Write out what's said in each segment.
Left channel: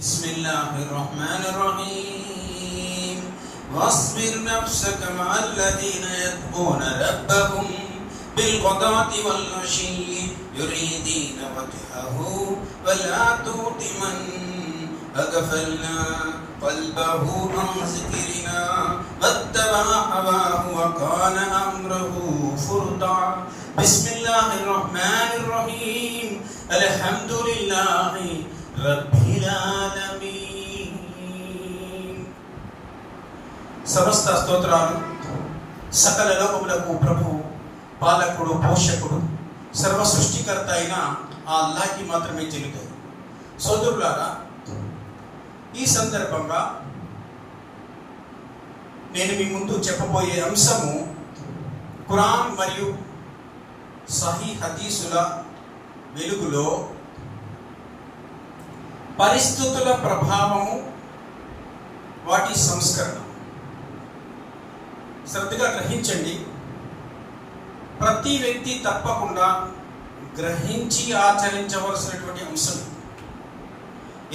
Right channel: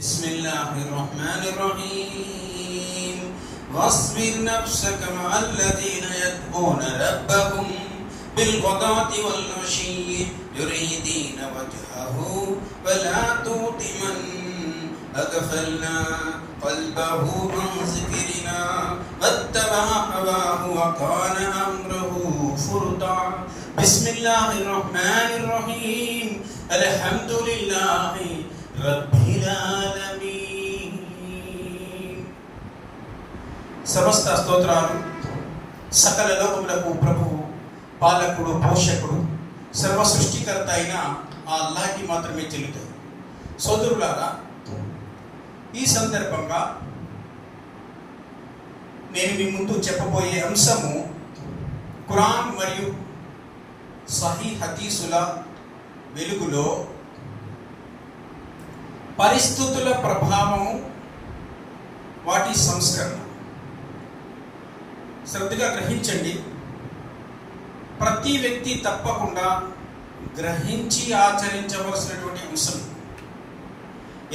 बिस्मिल्लाहिर्रहमानिर्रहीम वस्बिर नफ्सक मअल्लज़ीन यदऊन रब्बहुम बिलगदाति वल अशी युरीदीन वजहहु वला तुति मन अगफलना क़ल्बहु अन ज़िक्रिना वत्तबअ हवाहु वकान अम्रुहु फुरता। बिस्मिल्लाहिर्रहमानिर्रहीम अल्हम्दुलिल्लाहि रब्बिल आलमीन। సమస్త స్తోత్రాలు సకల లోకములకు ప్రభువు, పాలకుడు, పోషకుడు, సర్వ సృష్టికర్త అయిన ఆ అల్లాహ్కి మాత్రమే చెల్లుతాయి. సోదరులారా, ఈ సందర్భంగా నేను మీ ముందు చెప్పబోయే అంశము ఖురాన్ మరియు సహీ హదీసుల వెలుగులో పరిస్థితుల ప్రభావము, వాటి సంస్కరణ. శ్రద్ధగా గ్రహించండి. ప్రతి వ్యక్తి తప్పకుండా గ్రహించి ఆచరించవలసినటువంటి అంశం.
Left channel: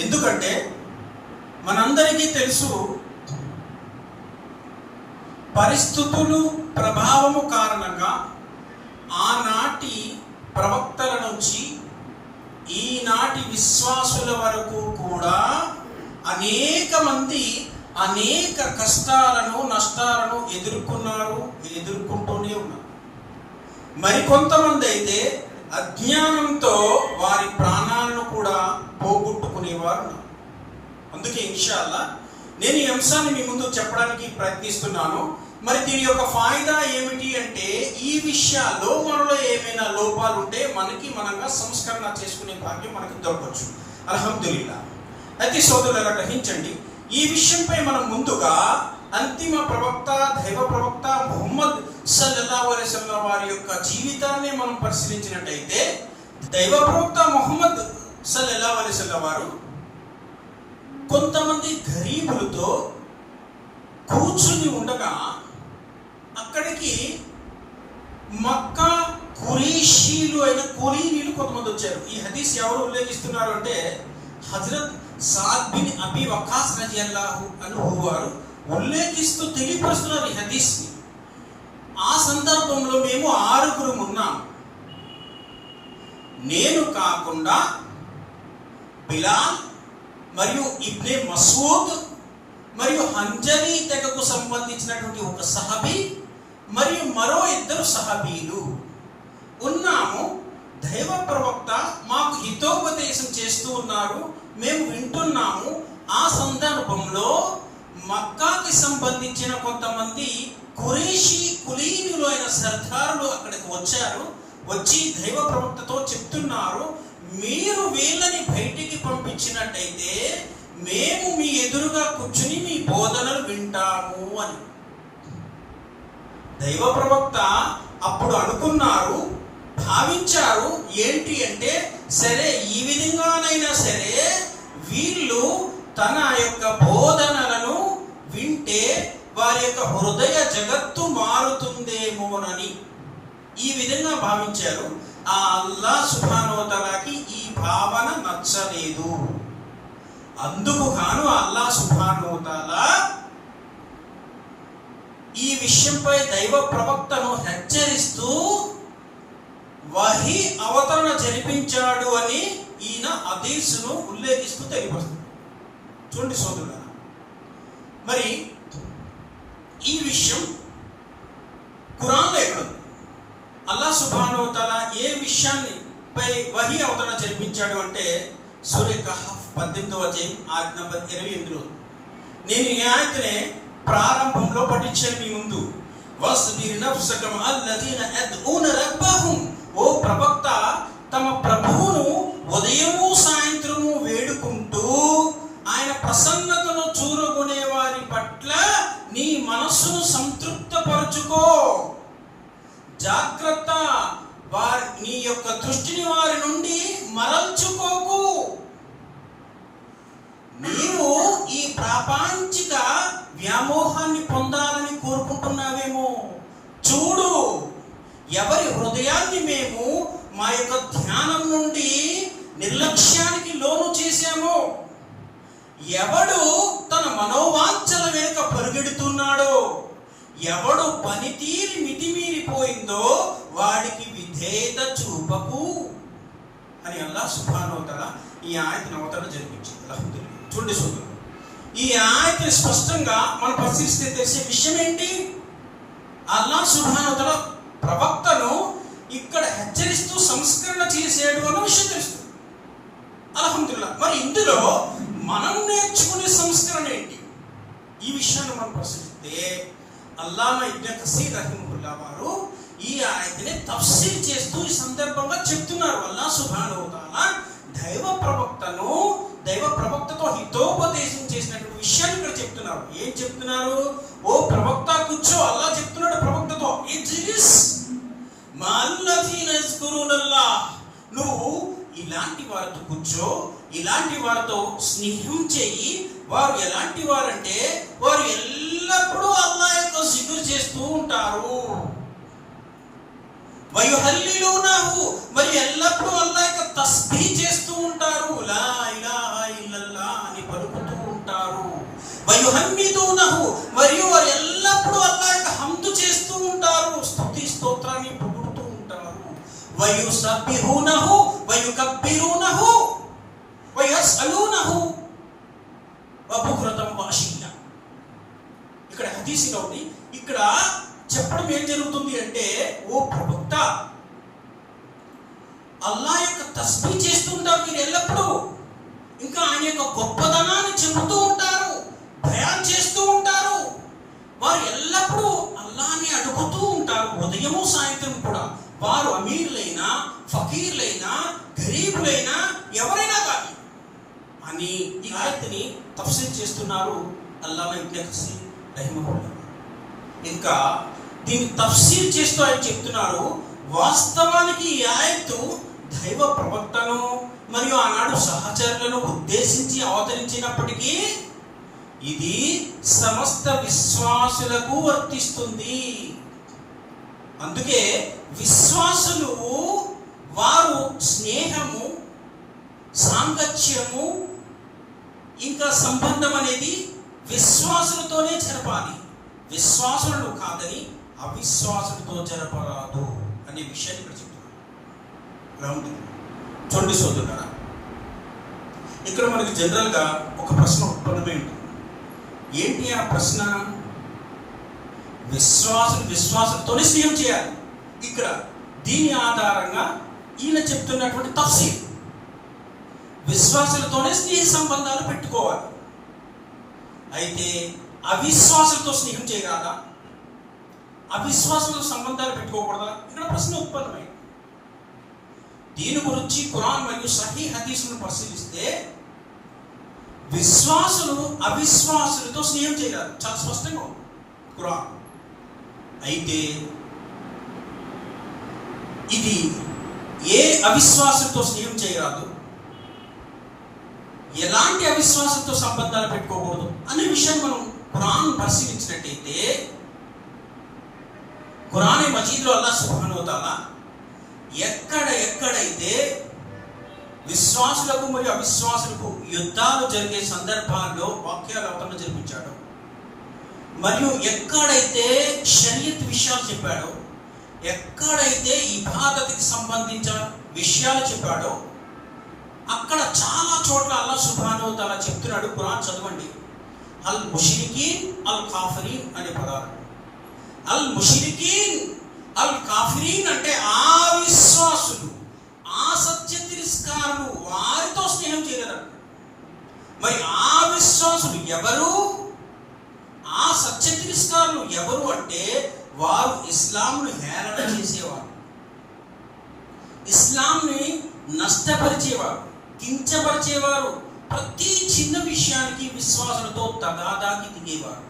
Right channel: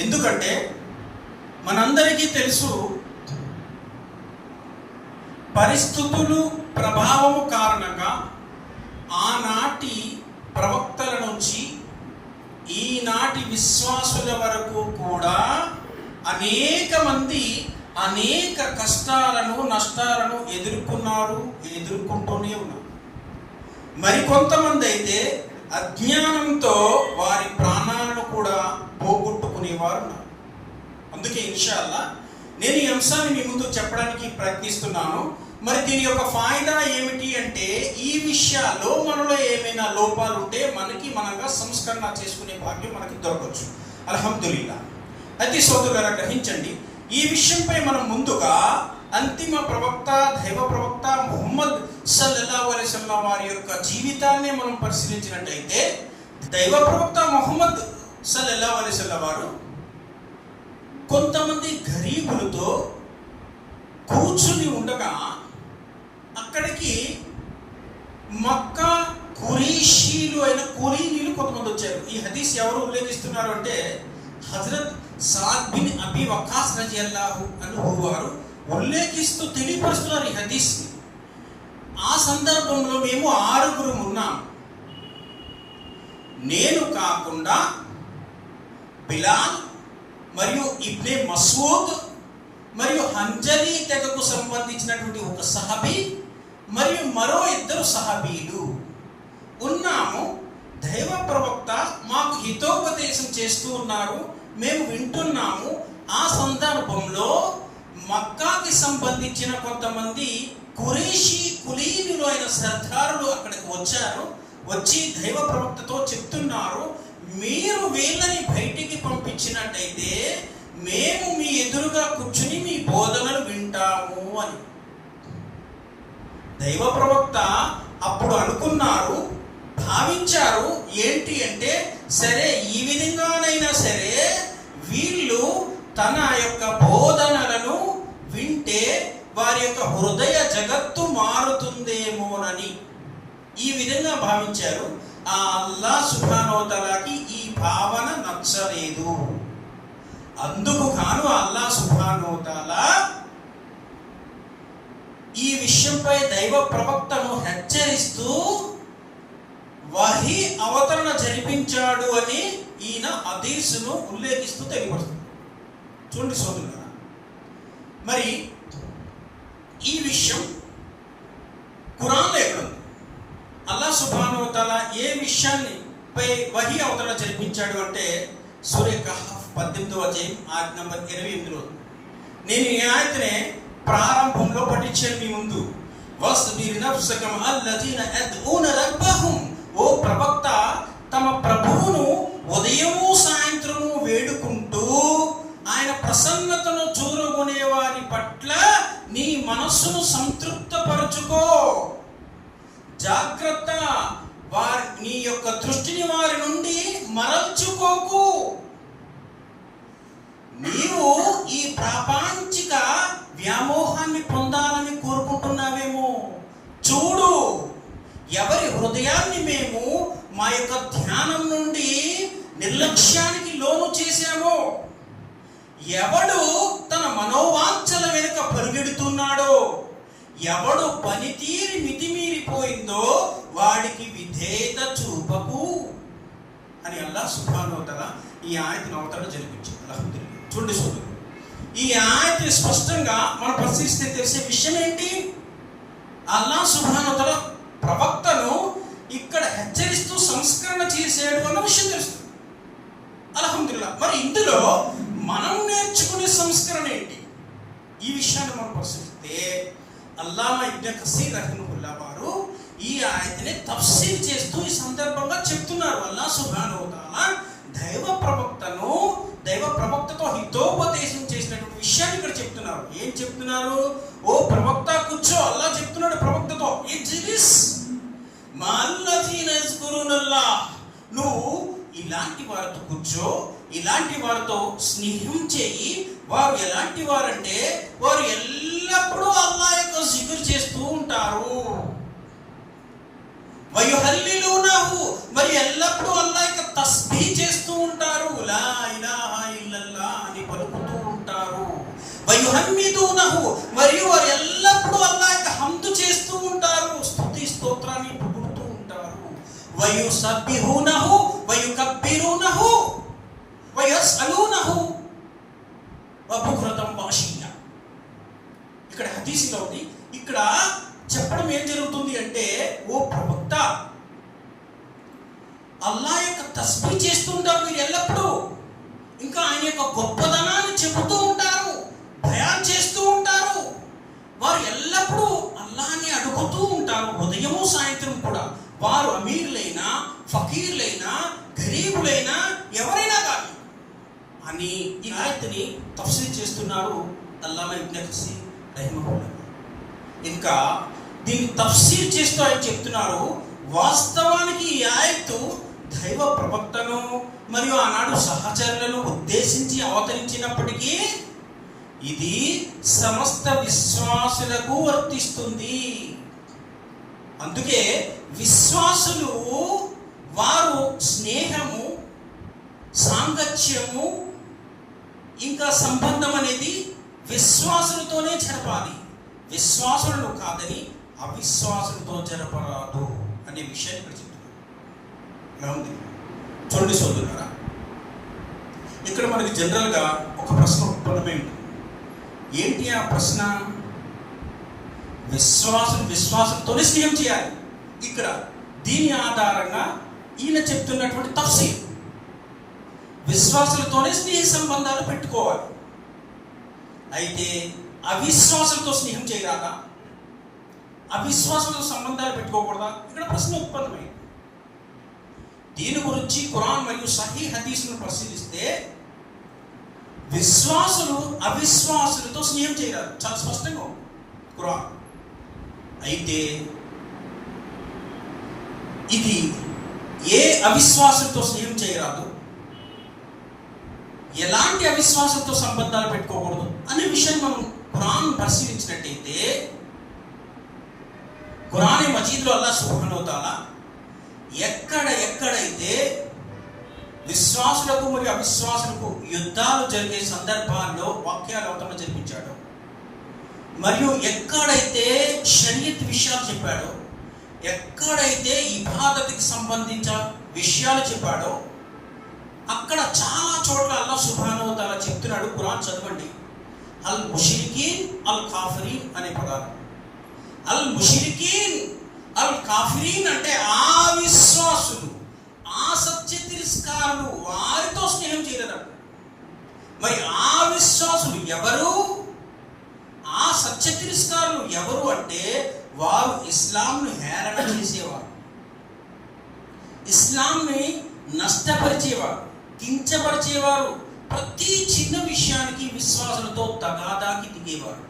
ఎందుకంటే మనందరికీ తెలుసు, పరిస్థితులు ప్రభావము కారణంగా ఆనాటి ప్రవక్తల నుంచి ఈనాటి విశ్వాసుల వరకు కూడా అనేక మంది అనేక కష్టాలను, నష్టాలను ఎదుర్కొంటూనే ఉన్నారు. మరికొంతమంది అయితే అజ్ఞానంతో వారి ప్రాణాలను కూడా పోగొట్టుకునేవారు ఉన్నారు. అందుకే ఇన్షాల్లా నేను ఈ అంశాన్ని మీ ముందు చెప్పడానికి ప్రయత్నిస్తున్నాను. మరి దీని యొక్క ఫాయిదా ఏమిటి అంటే, ఈ విషయాల్లో మనలో ఏమైనా లోపాలు ఉంటే మనంగా సంస్కరణ చేసుకునే భాగ్యం మనకి దొరకవచ్చు. అల్హమ్దులిల్లా. అయితే సోదరులారా, గ్రహించండి, ఈ విషయంపై మనం ముందుగా అంతిమ ప్రవక్త, దైవ ప్రవక్త ముహమ్మద్ సల్లల్లాహు అలైహి వసల్లం వారి యొక్క జీవితాన్ని మనం పరిశీలించినట్టయితే, దైవ ప్రవక్త ముహమ్మద్ సల్లల్లాహు అలైహి వసల్లం వారు కొంతమంది గరీబులతో కూర్చుని ఉండగా అక్కడికి మక్కా ఖురైషీలు అయిన కులీనీలు కొంతమంది వచ్చారు. ఈ హదీస్ ఎవరు ఉల్లేఖిస్తున్నారు అంటే, హజరత్ సాద్ బిన్ అబీ వక్కాస్ రజియల్లాహు అన్హు వారు ఉల్లేఖిస్తూ తెలియపరుస్తున్నారు ఈ హదీస్ని. ఆ సందర్భంలో మేము 6 ఉన్నాం. నేను కాకుండా బిలాల్ మరియు ఇబ్నే మసూద్ మరియు హంజలీ తెగకు సంబంధించినటువంటి ఒక సహబీ మరియు మరో 2 సహబీలు ఉన్నాము. దైవ ప్రవక్త మాకు హితోపదేశం చేస్తూ ఉన్నారు, మేము వింటున్నాము. ఆ సందర్భంలో మక్కాకి సంబంధించిన కొంతమంది ఖురైషీ కులీనులు అయిన సర్దారులు అక్కడికి వచ్చి దైవ ప్రవక్తతో చెప్తున్నారు, మీరు వీళ్ళని బయటికి పంపించినట్టయితే మేము మీ ఎదురుగా కూర్చుని మీ బోధనలు వింటాము అని. దైవ ప్రవక్త అప్పుడు అనుకున్నారు, భావించారు ఏంటి అంటే, సరే ఈ విధంగానైనా సరే వీళ్ళు తన యొక్క బోధనలను వింటే వారి యొక్క హృదయ జగత్తు మారుతుందేమోనని ఈ విధంగా భావించారు. ఆ అల్లాహ్ సుబ్హానహు వ తఆలాకి ఈ భావన నచ్చలేదు. అందుకు గాను అల్లాహ్ సుబ్హానహు వ తఆలా ఈ విషయంపై దైవ ప్రవక్తను హెచ్చరిస్తూ వహీ అవతరణ జరిపించాడు అని ఈయన హదీసును ఉల్లేఖిస్తూ తెలియపరుస్తుంది. చూడండి సోదరులారా, మరి ఈ విషయం ఖురాన్లో ఎక్కడుంది? అల్లాహ్ సుబ్హానహు వ తఆలా ఏ విషయాన్ని పై వహీ అవతరణ జరిపించాడు అంటే, సూరా కహఫ్ 18వ అధ్యాయం ఆయత నంబర్ 28లో. నేను ఈ ఆయతనే ప్రారంభంలో పఠించాను మీ ముందు. వస్బిర్ నఫ్సక మఅల్లజీన యద్ఊన రబ్బహుం, ఓ ప్రవక్త, తమ ప్రభువును ఉదయము సాయంత్రము వేడుకుంటూ ఆయన ప్రసన్నతను చూరగొనే వారి పట్ల నీ మనస్సును సంతృప్తపరచుకో. జాగ్రత్త, నీ యొక్క దృష్టిని వారి నుండి మరల్చుకోకు. నీవు ఈ ప్రాపంచిక వ్యామోహాన్ని పొందాలని కోరుకుంటున్నావేమో, చూడు ఎవరి హృదయాన్ని మేము మా యొక్క ధ్యానం నుండి నిర్లక్ష్యానికి లోను చేశామో ఎవడు తన మనోవాంఛల వెనుక పరుగెడుతున్నాడో, ఎవడు పనితీరి మితిమీరిపోయిందో వాడికి విధేయత చూపకు అని అల్లాహ్ సుబ్హానహు వ తఆలా ఈ ఆయతను అవతరణ జరిపించింది. అల్హమ్దులిల్లాహ్. చూడండి సోదరులు, ఈ ఆయతను స్పష్టంగా మనం పరిశీలిస్తే తెలిసే విషయం ఏంటి? అల్లాహ్ సుబ్హానహు వ తఆలా ప్రవక్తను ఇక్కడ హెచ్చరిస్తూ సంస్కరణ చేసాడు అన్న విషయం తెలుస్తుంది. అల్హమ్దులిల్లాహ్. మరి ఇందులో మనం నేర్చుకునే సంస్కరణ ఏంటి? ఈ విషయాన్ని మనం పరిశీలిస్తే అల్లామా ఇబ్న్ కసీర్ రహిమహుల్లాహ్ వారు ఈ ఆయతని తఫ్సీర్ చేస్తూ ఈ సందర్భంగా చెప్తున్నారు. అల్లాహ్ సుబ్హానహు వ తఆలా దైవ ప్రవక్తతో హితోపదేశం చేసినటువంటి విషయాన్ని ఇక్కడ చెప్తున్నారు. ఏం చెప్తున్నారు? ఓ ప్రవక్త కూర్చో. అల్లాహ్ చెప్తున్నాడు ప్రవక్తతో, ఇజ్లిస్ మల్లదీన యజ్కురునల్లాహ్, నువ్వు ఇలాంటి వారితో కూర్చో, ఇలాంటి వారితో స్నేహం చేయి. వారు ఎలాంటి వారంటే వారు ఎల్లప్పుడూ అల్లాహ్ యొక్క జిక్ర్ చేస్తూ ఉంటారు. వయుహల్లిలూనహు, మరి ఎల్లప్పుడూ అల్లాహ్ యొక్క తస్బీహ్ చేస్తూ ఉంటారు. లా ఇలాహా ఇల్లల్లాహ్ అని పలుకుతూ ఉంటారు. వయుహమ్మిదూనహు, మరియు వారు ఎల్లప్పుడూ అల్లాహ్ యొక్క హమ్దు చేస్తూ ఉంటారు, స్తుతి స్తోత్రాన్ని పొగుడుతూ ఉంటారు. వయుసబ్బిహూనహు వయుకబ్బిరూనహు వయస్అలూనహు వబుక్రతం వఅషియ్యా. ఇక్కడ హదీసులో ఉంది. ఇక్కడ చెప్పడం ఏం జరుగుతుంది అంటే, ఓ ప్రవక్త, అల్లాహ్ యొక్క తస్బీహ్ చేస్తూ ఉంటారు మీరు ఎల్లప్పుడూ. ఇంకా ఆయన యొక్క గొప్పదనాన్ని చెబుతూ ఉంటారు, బయాన్ చేస్తూ ఉంటారు. వారు ఎల్లప్పుడూ అల్లాహ్ని అడుగుతూ ఉంటారు, ఉదయము సాయంత్రం కూడా. వారు అమీర్లైనా, ఫకీర్లైనా, గరీబులైనా, ఎవరైనా కానీ అని ఈ ఆయతని తఫ్సీర్ చేస్తున్నారు అల్లామా ఇబ్న్ కసీర్ రహిమహుల్లాహ్. ఇంకా దీన్ని తఫ్సీర్ చేస్తూ ఆయన చెప్తున్నారు, వాస్తవానికి ఈ ఆయత్తు దైవ ప్రవక్తను మరియు ఆనాడు సహచరులను ఉద్దేశించి అవతరించినప్పటికీ ఇది సమస్త విశ్వాసులకు వర్తిస్తుంది. అందుకే విశ్వాసులు వారు స్నేహము, సాంగత్యము, ఇంకా సంబంధం అనేది విశ్వాసులతోనే జరపాలి. విశ్వాసులను కాదని అవిశ్వాసులతో జరపరాదు అనే విషయాన్ని ఇక్కడ చెప్తున్నారు. చూడండి సోదరులారా, ఇక్కడ మనకి జనరల్గా ఒక ప్రశ్న ఉత్పన్నమైంది. ఏంటి ఆ ప్రశ్న? విశ్వాసులతోనే స్నేహం చేయాలి. ఇక్కడ దీని ఆధారంగా ఈయన చెప్తున్నటువంటి తఫ్సీర్, విశ్వాసులతోనే స్నేహ సంబంధాలు పెట్టుకోవాలి. అయితే అవిశ్వాసులతో స్నేహం చేయరాదా? అవిశ్వాసులతో సంబంధాలు పెట్టుకోకూడదా? ఇక్కడ ప్రశ్న ఉత్పన్నమైంది. దీని గురించి ఖురాన్ మరియు సహీ హదీసులను పరిశీలిస్తే విశ్వాసులు అవిశ్వాసులతో స్నేహం చేయరాదు, చాలా స్పష్టంగా ఉంది ఖురాన్. అయితే ఇది ఏ అవిశ్వాసులతో స్నేహం చేయరాదు, ఎలాంటి అవిశ్వాసంతో సంబంధాలు పెట్టుకోకూడదు అనే విషయం మనం ఖురాన్ పరిశీలించినట్టయితే, ఖురాన్ మజీద్లో అల్లాహ్ సుబ్హానహు వ తఆలా ఎక్కడైతే విశ్వాసులకు మరియు అవిశ్వాసులకు యుద్ధాలు జరిగే సందర్భాల్లో వాక్యాలు అవతరణ జరిపించాడు, మరియు ఎక్కడైతే షరియత్ విషయాలు చెప్పాడో, ఎక్కడైతే ఇబాదత్కి సంబంధించిన విషయాలు చెప్పాడో, అక్కడ చాలా చోట్ల అల్లాహ్ సుబ్హానహు వ తఆలా చెప్తున్నాడు. ఖురాన్ చదవండి, అల్ ముష్రికీన్ అల్ కాఫిరీన్ అనే పదాలు. అల్ ముష్రికీన్ అల్ కాఫిరీన్ అంటే ఆ విశ్వాసులు, ఆ సత్య తిరస్కారులు, వారితో స్నేహం చేయరు. మరి ఆ విశ్వాసులు ఎవరు? ఆ సత్య తిరస్కారులు ఎవరు అంటే వారు ఇస్లాంను హేళన చేసేవారు, ఇస్లాంని నష్టపరిచేవారు, కించపరిచేవారు. ప్రతి చిన్న విషయానికి విశ్వాసులతో తగాదాకి దిగేవారు,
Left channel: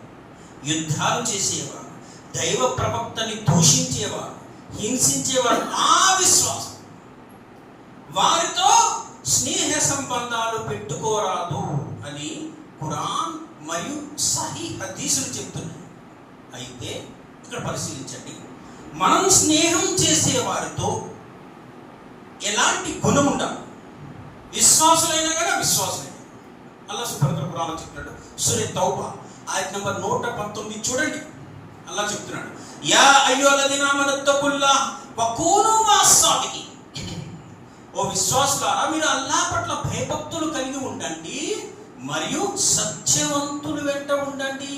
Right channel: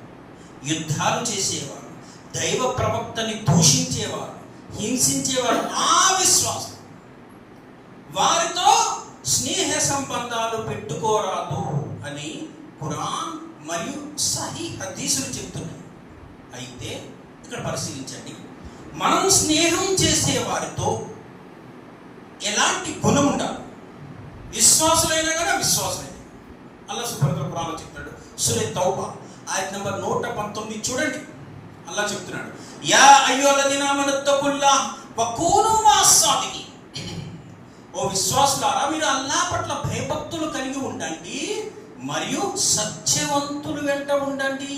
యుద్ధాలు చేసేవారు, దైవ ప్రవక్తని దూషించేవారు, హింసించేవారు. ఆ విశ్వాసం వారితో స్నేహ సంబంధాలు పెట్టుకోరాదు అని ఖురాన్ మరియు సహీ హదీసులు చెప్తున్నాయి. అయితే ఇక్కడ పరిశీలించండి, మనం స్నేహం చేసే వారితో ఎలాంటి గుణం ఉండాలి? విశ్వాసులైనా కానీ అవిశ్వాసులైనా అల్లాహ్ సుబ్హానహు ఖురాన్లో చెప్తాడు. సూరా తౌబా ఆయత్ నంబర్ 119 చూడండి. అల్లాహ్ చెప్తున్నాడు, యా అయ్యుహల్లదీనా ఆమనుత్తఖుల్లాహ్ వకూను మస్సాదికీన్. ఓ విశ్వాసులారా, మీరు అల్లాహ్ పట్ల భయభక్తులు కలిగి ఉండండి మరియు సత్యవంతులు వెంట ఉండండి.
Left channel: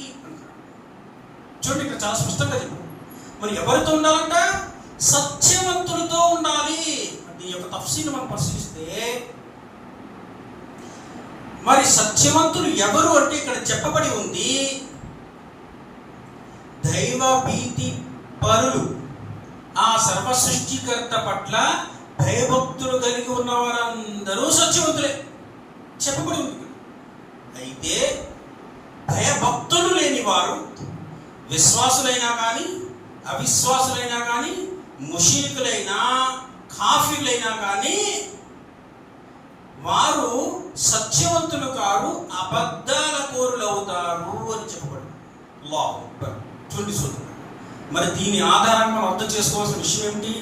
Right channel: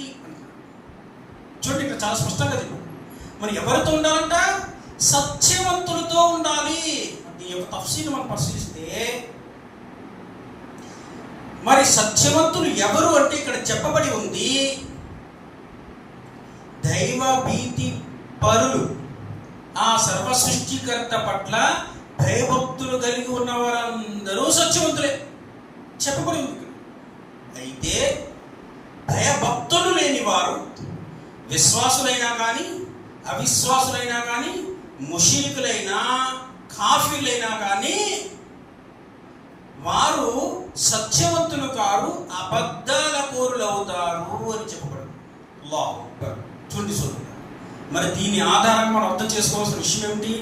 చూడండి, ఇక్కడ చాలా స్పష్టంగా చెప్పారు. మరి ఎవరితో ఉండాలంట? సత్యవంతులతో ఉండాలి. దీని యొక్క తఫ్సీర్ మనం పరిశీలిస్తే, మరి సత్యవంతులు ఎవరు అంటే ఇక్కడ చెప్పబడి ఉంది, దైవ భీతి పరులు, ఆ సర్వ సృష్టికర్త పట్ల భయభక్తులు కలిగి ఉన్న వారందరూ సత్యవంతులే చెప్పబడి ఉంది. అయితే భయభక్తులు లేని వారు విశ్వాసులైనా కానీ అవిశ్వాసులైనా కానీ ముష్రికులైనా కాఫీర్లైనా కానీ వారు సత్యవంతులు కారు, అబద్ధాల కోరులు అవుతారు అని చెప్పబడింది. అల్లాహు అక్బర్. చూడండి, మరి దీని ఆధారంగా మనం అర్థం చేసుకోవాల్సిన విషయం ఏమిటి?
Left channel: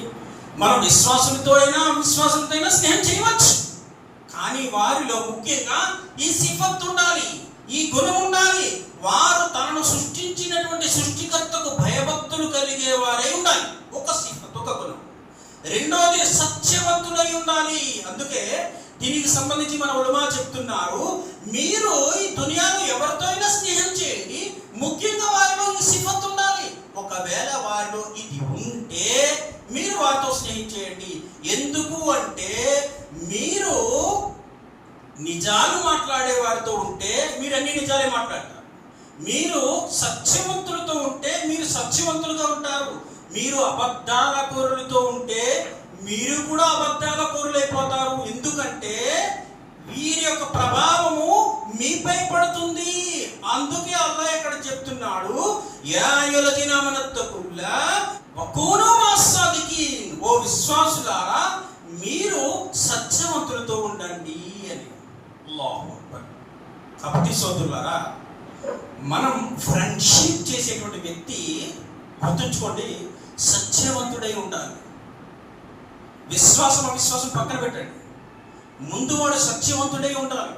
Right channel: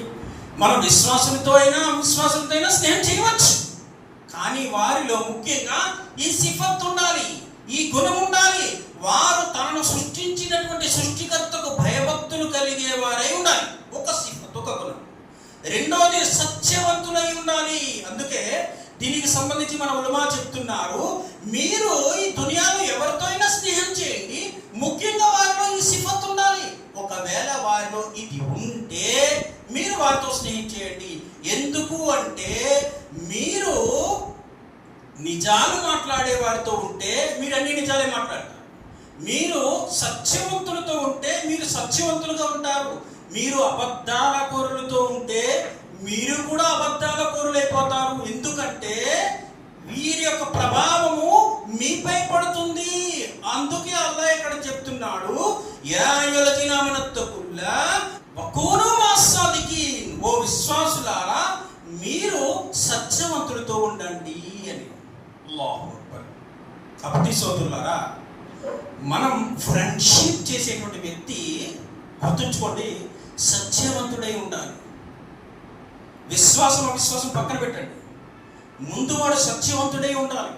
మనం విశ్వాసులతో అయినా అవిశ్వాసులతో అయినా స్నేహం చేయవచ్చు, కానీ వారిలో ముఖ్యంగా ఈ సిఫత్ ఉండాలి, ఈ గుణం ఉండాలి. వారు తనను సృష్టించినటువంటి సృష్టికర్తకు భయభక్తులు కలిగే వారై ఉండాలి. ఒక సిఫత్, ఒక గుణం. రెండోది సత్యవంతులై ఉండాలి. అందుకే దీనికి సంబంధించి మన ఉలమా చెప్తున్నారు, మీరు ఈ దునియాలో ఎవరితో అయినా స్నేహం చేయండి, ముఖ్యంగా వారిలో ఈ సిఫత్ ఉండాలి. ఒకవేళ వారిలో ఇది ఉంటే మీరు వారితో స్నేహం చేయండి. ఎందుకు అంటే, మీరు నిజాలు మాట్లాడే వారితో ఉంటే మీరు అన్ని నిజాలే మాట్లాడతారు. మీరు సత్యవంతులతో ఉంటే మీరు సత్యవంతులుగా ఉంటారు. మీరు అబద్ధాల కోరులతో ఉంటే మీరు కూడా అబద్ధాల కోరులైపోతారు. ఎందుకంటే వీరి యొక్క ప్రభావము మీపై పడుతుంది. అందుకే అల్లాహ్ ఇక్కడ చెప్తున్నాడు, యా అయ్యుహల్లదీనా ఆమనుత్తఖుల్లాహ్ వకూను మస్సాదికీన్. ఓ విశ్వాసులారా, మీరు సత్యవంతులతో ఉండండి అని. అల్లాహు అక్బర్. కాబట్టి సోదరులారా, మనం ఫ్రెండ్షిప్ చేసేటువంటి వ్యక్తి గుర్తుంచుకోండి, సత్యవంతుడై ఉండాలి. విశ్వాసం అవిశ్వాసం పక్కన పెట్టండి, ముందు వాడు సత్యవంతుడై ఉండాలి.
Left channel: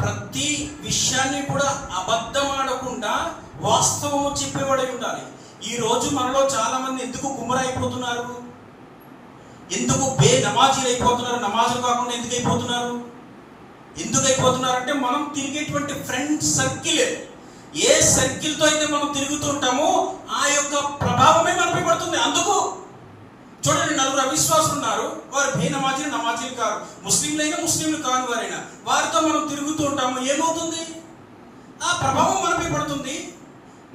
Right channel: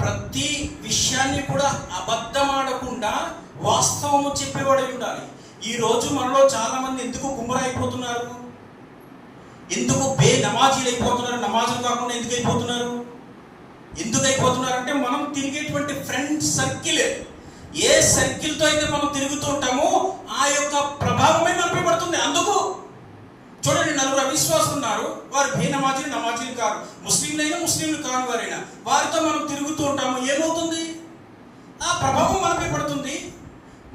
ప్రతి విషయాన్ని కూడా అబద్ధం ఆడకుండా వాస్తవము చెప్పేవాడై ఉండాలి. ఈ రోజు మనలో చాలా మంది ఎందుకు గుమ్మరైపోతున్నారు? ఎందుకు నమాజీలు అయిపోతున్నారు? నమాజులు కాకుండా ఎందుకు అయిపోతున్నారు? అంటే మనం తిరిగేటువంటి ఫ్రెండ్ సర్కిల్, ఏ సర్కిల్తో అయితే మనం తిరుగుతూ ఉంటామో ఆ యొక్క ప్రభావమే మనపై పడుతుంది. అందుకు చూడండి, నలుగురు అవిశ్వాసులు ఉన్నారు, వారు నమాజీలు కాదు, ముస్లింలు కాని వారైనా వారితో మనం తిరుగుతూ ఉంటాము. ఏమవుతుంది? ఆ ప్రభావం మనపై పడుతుంది.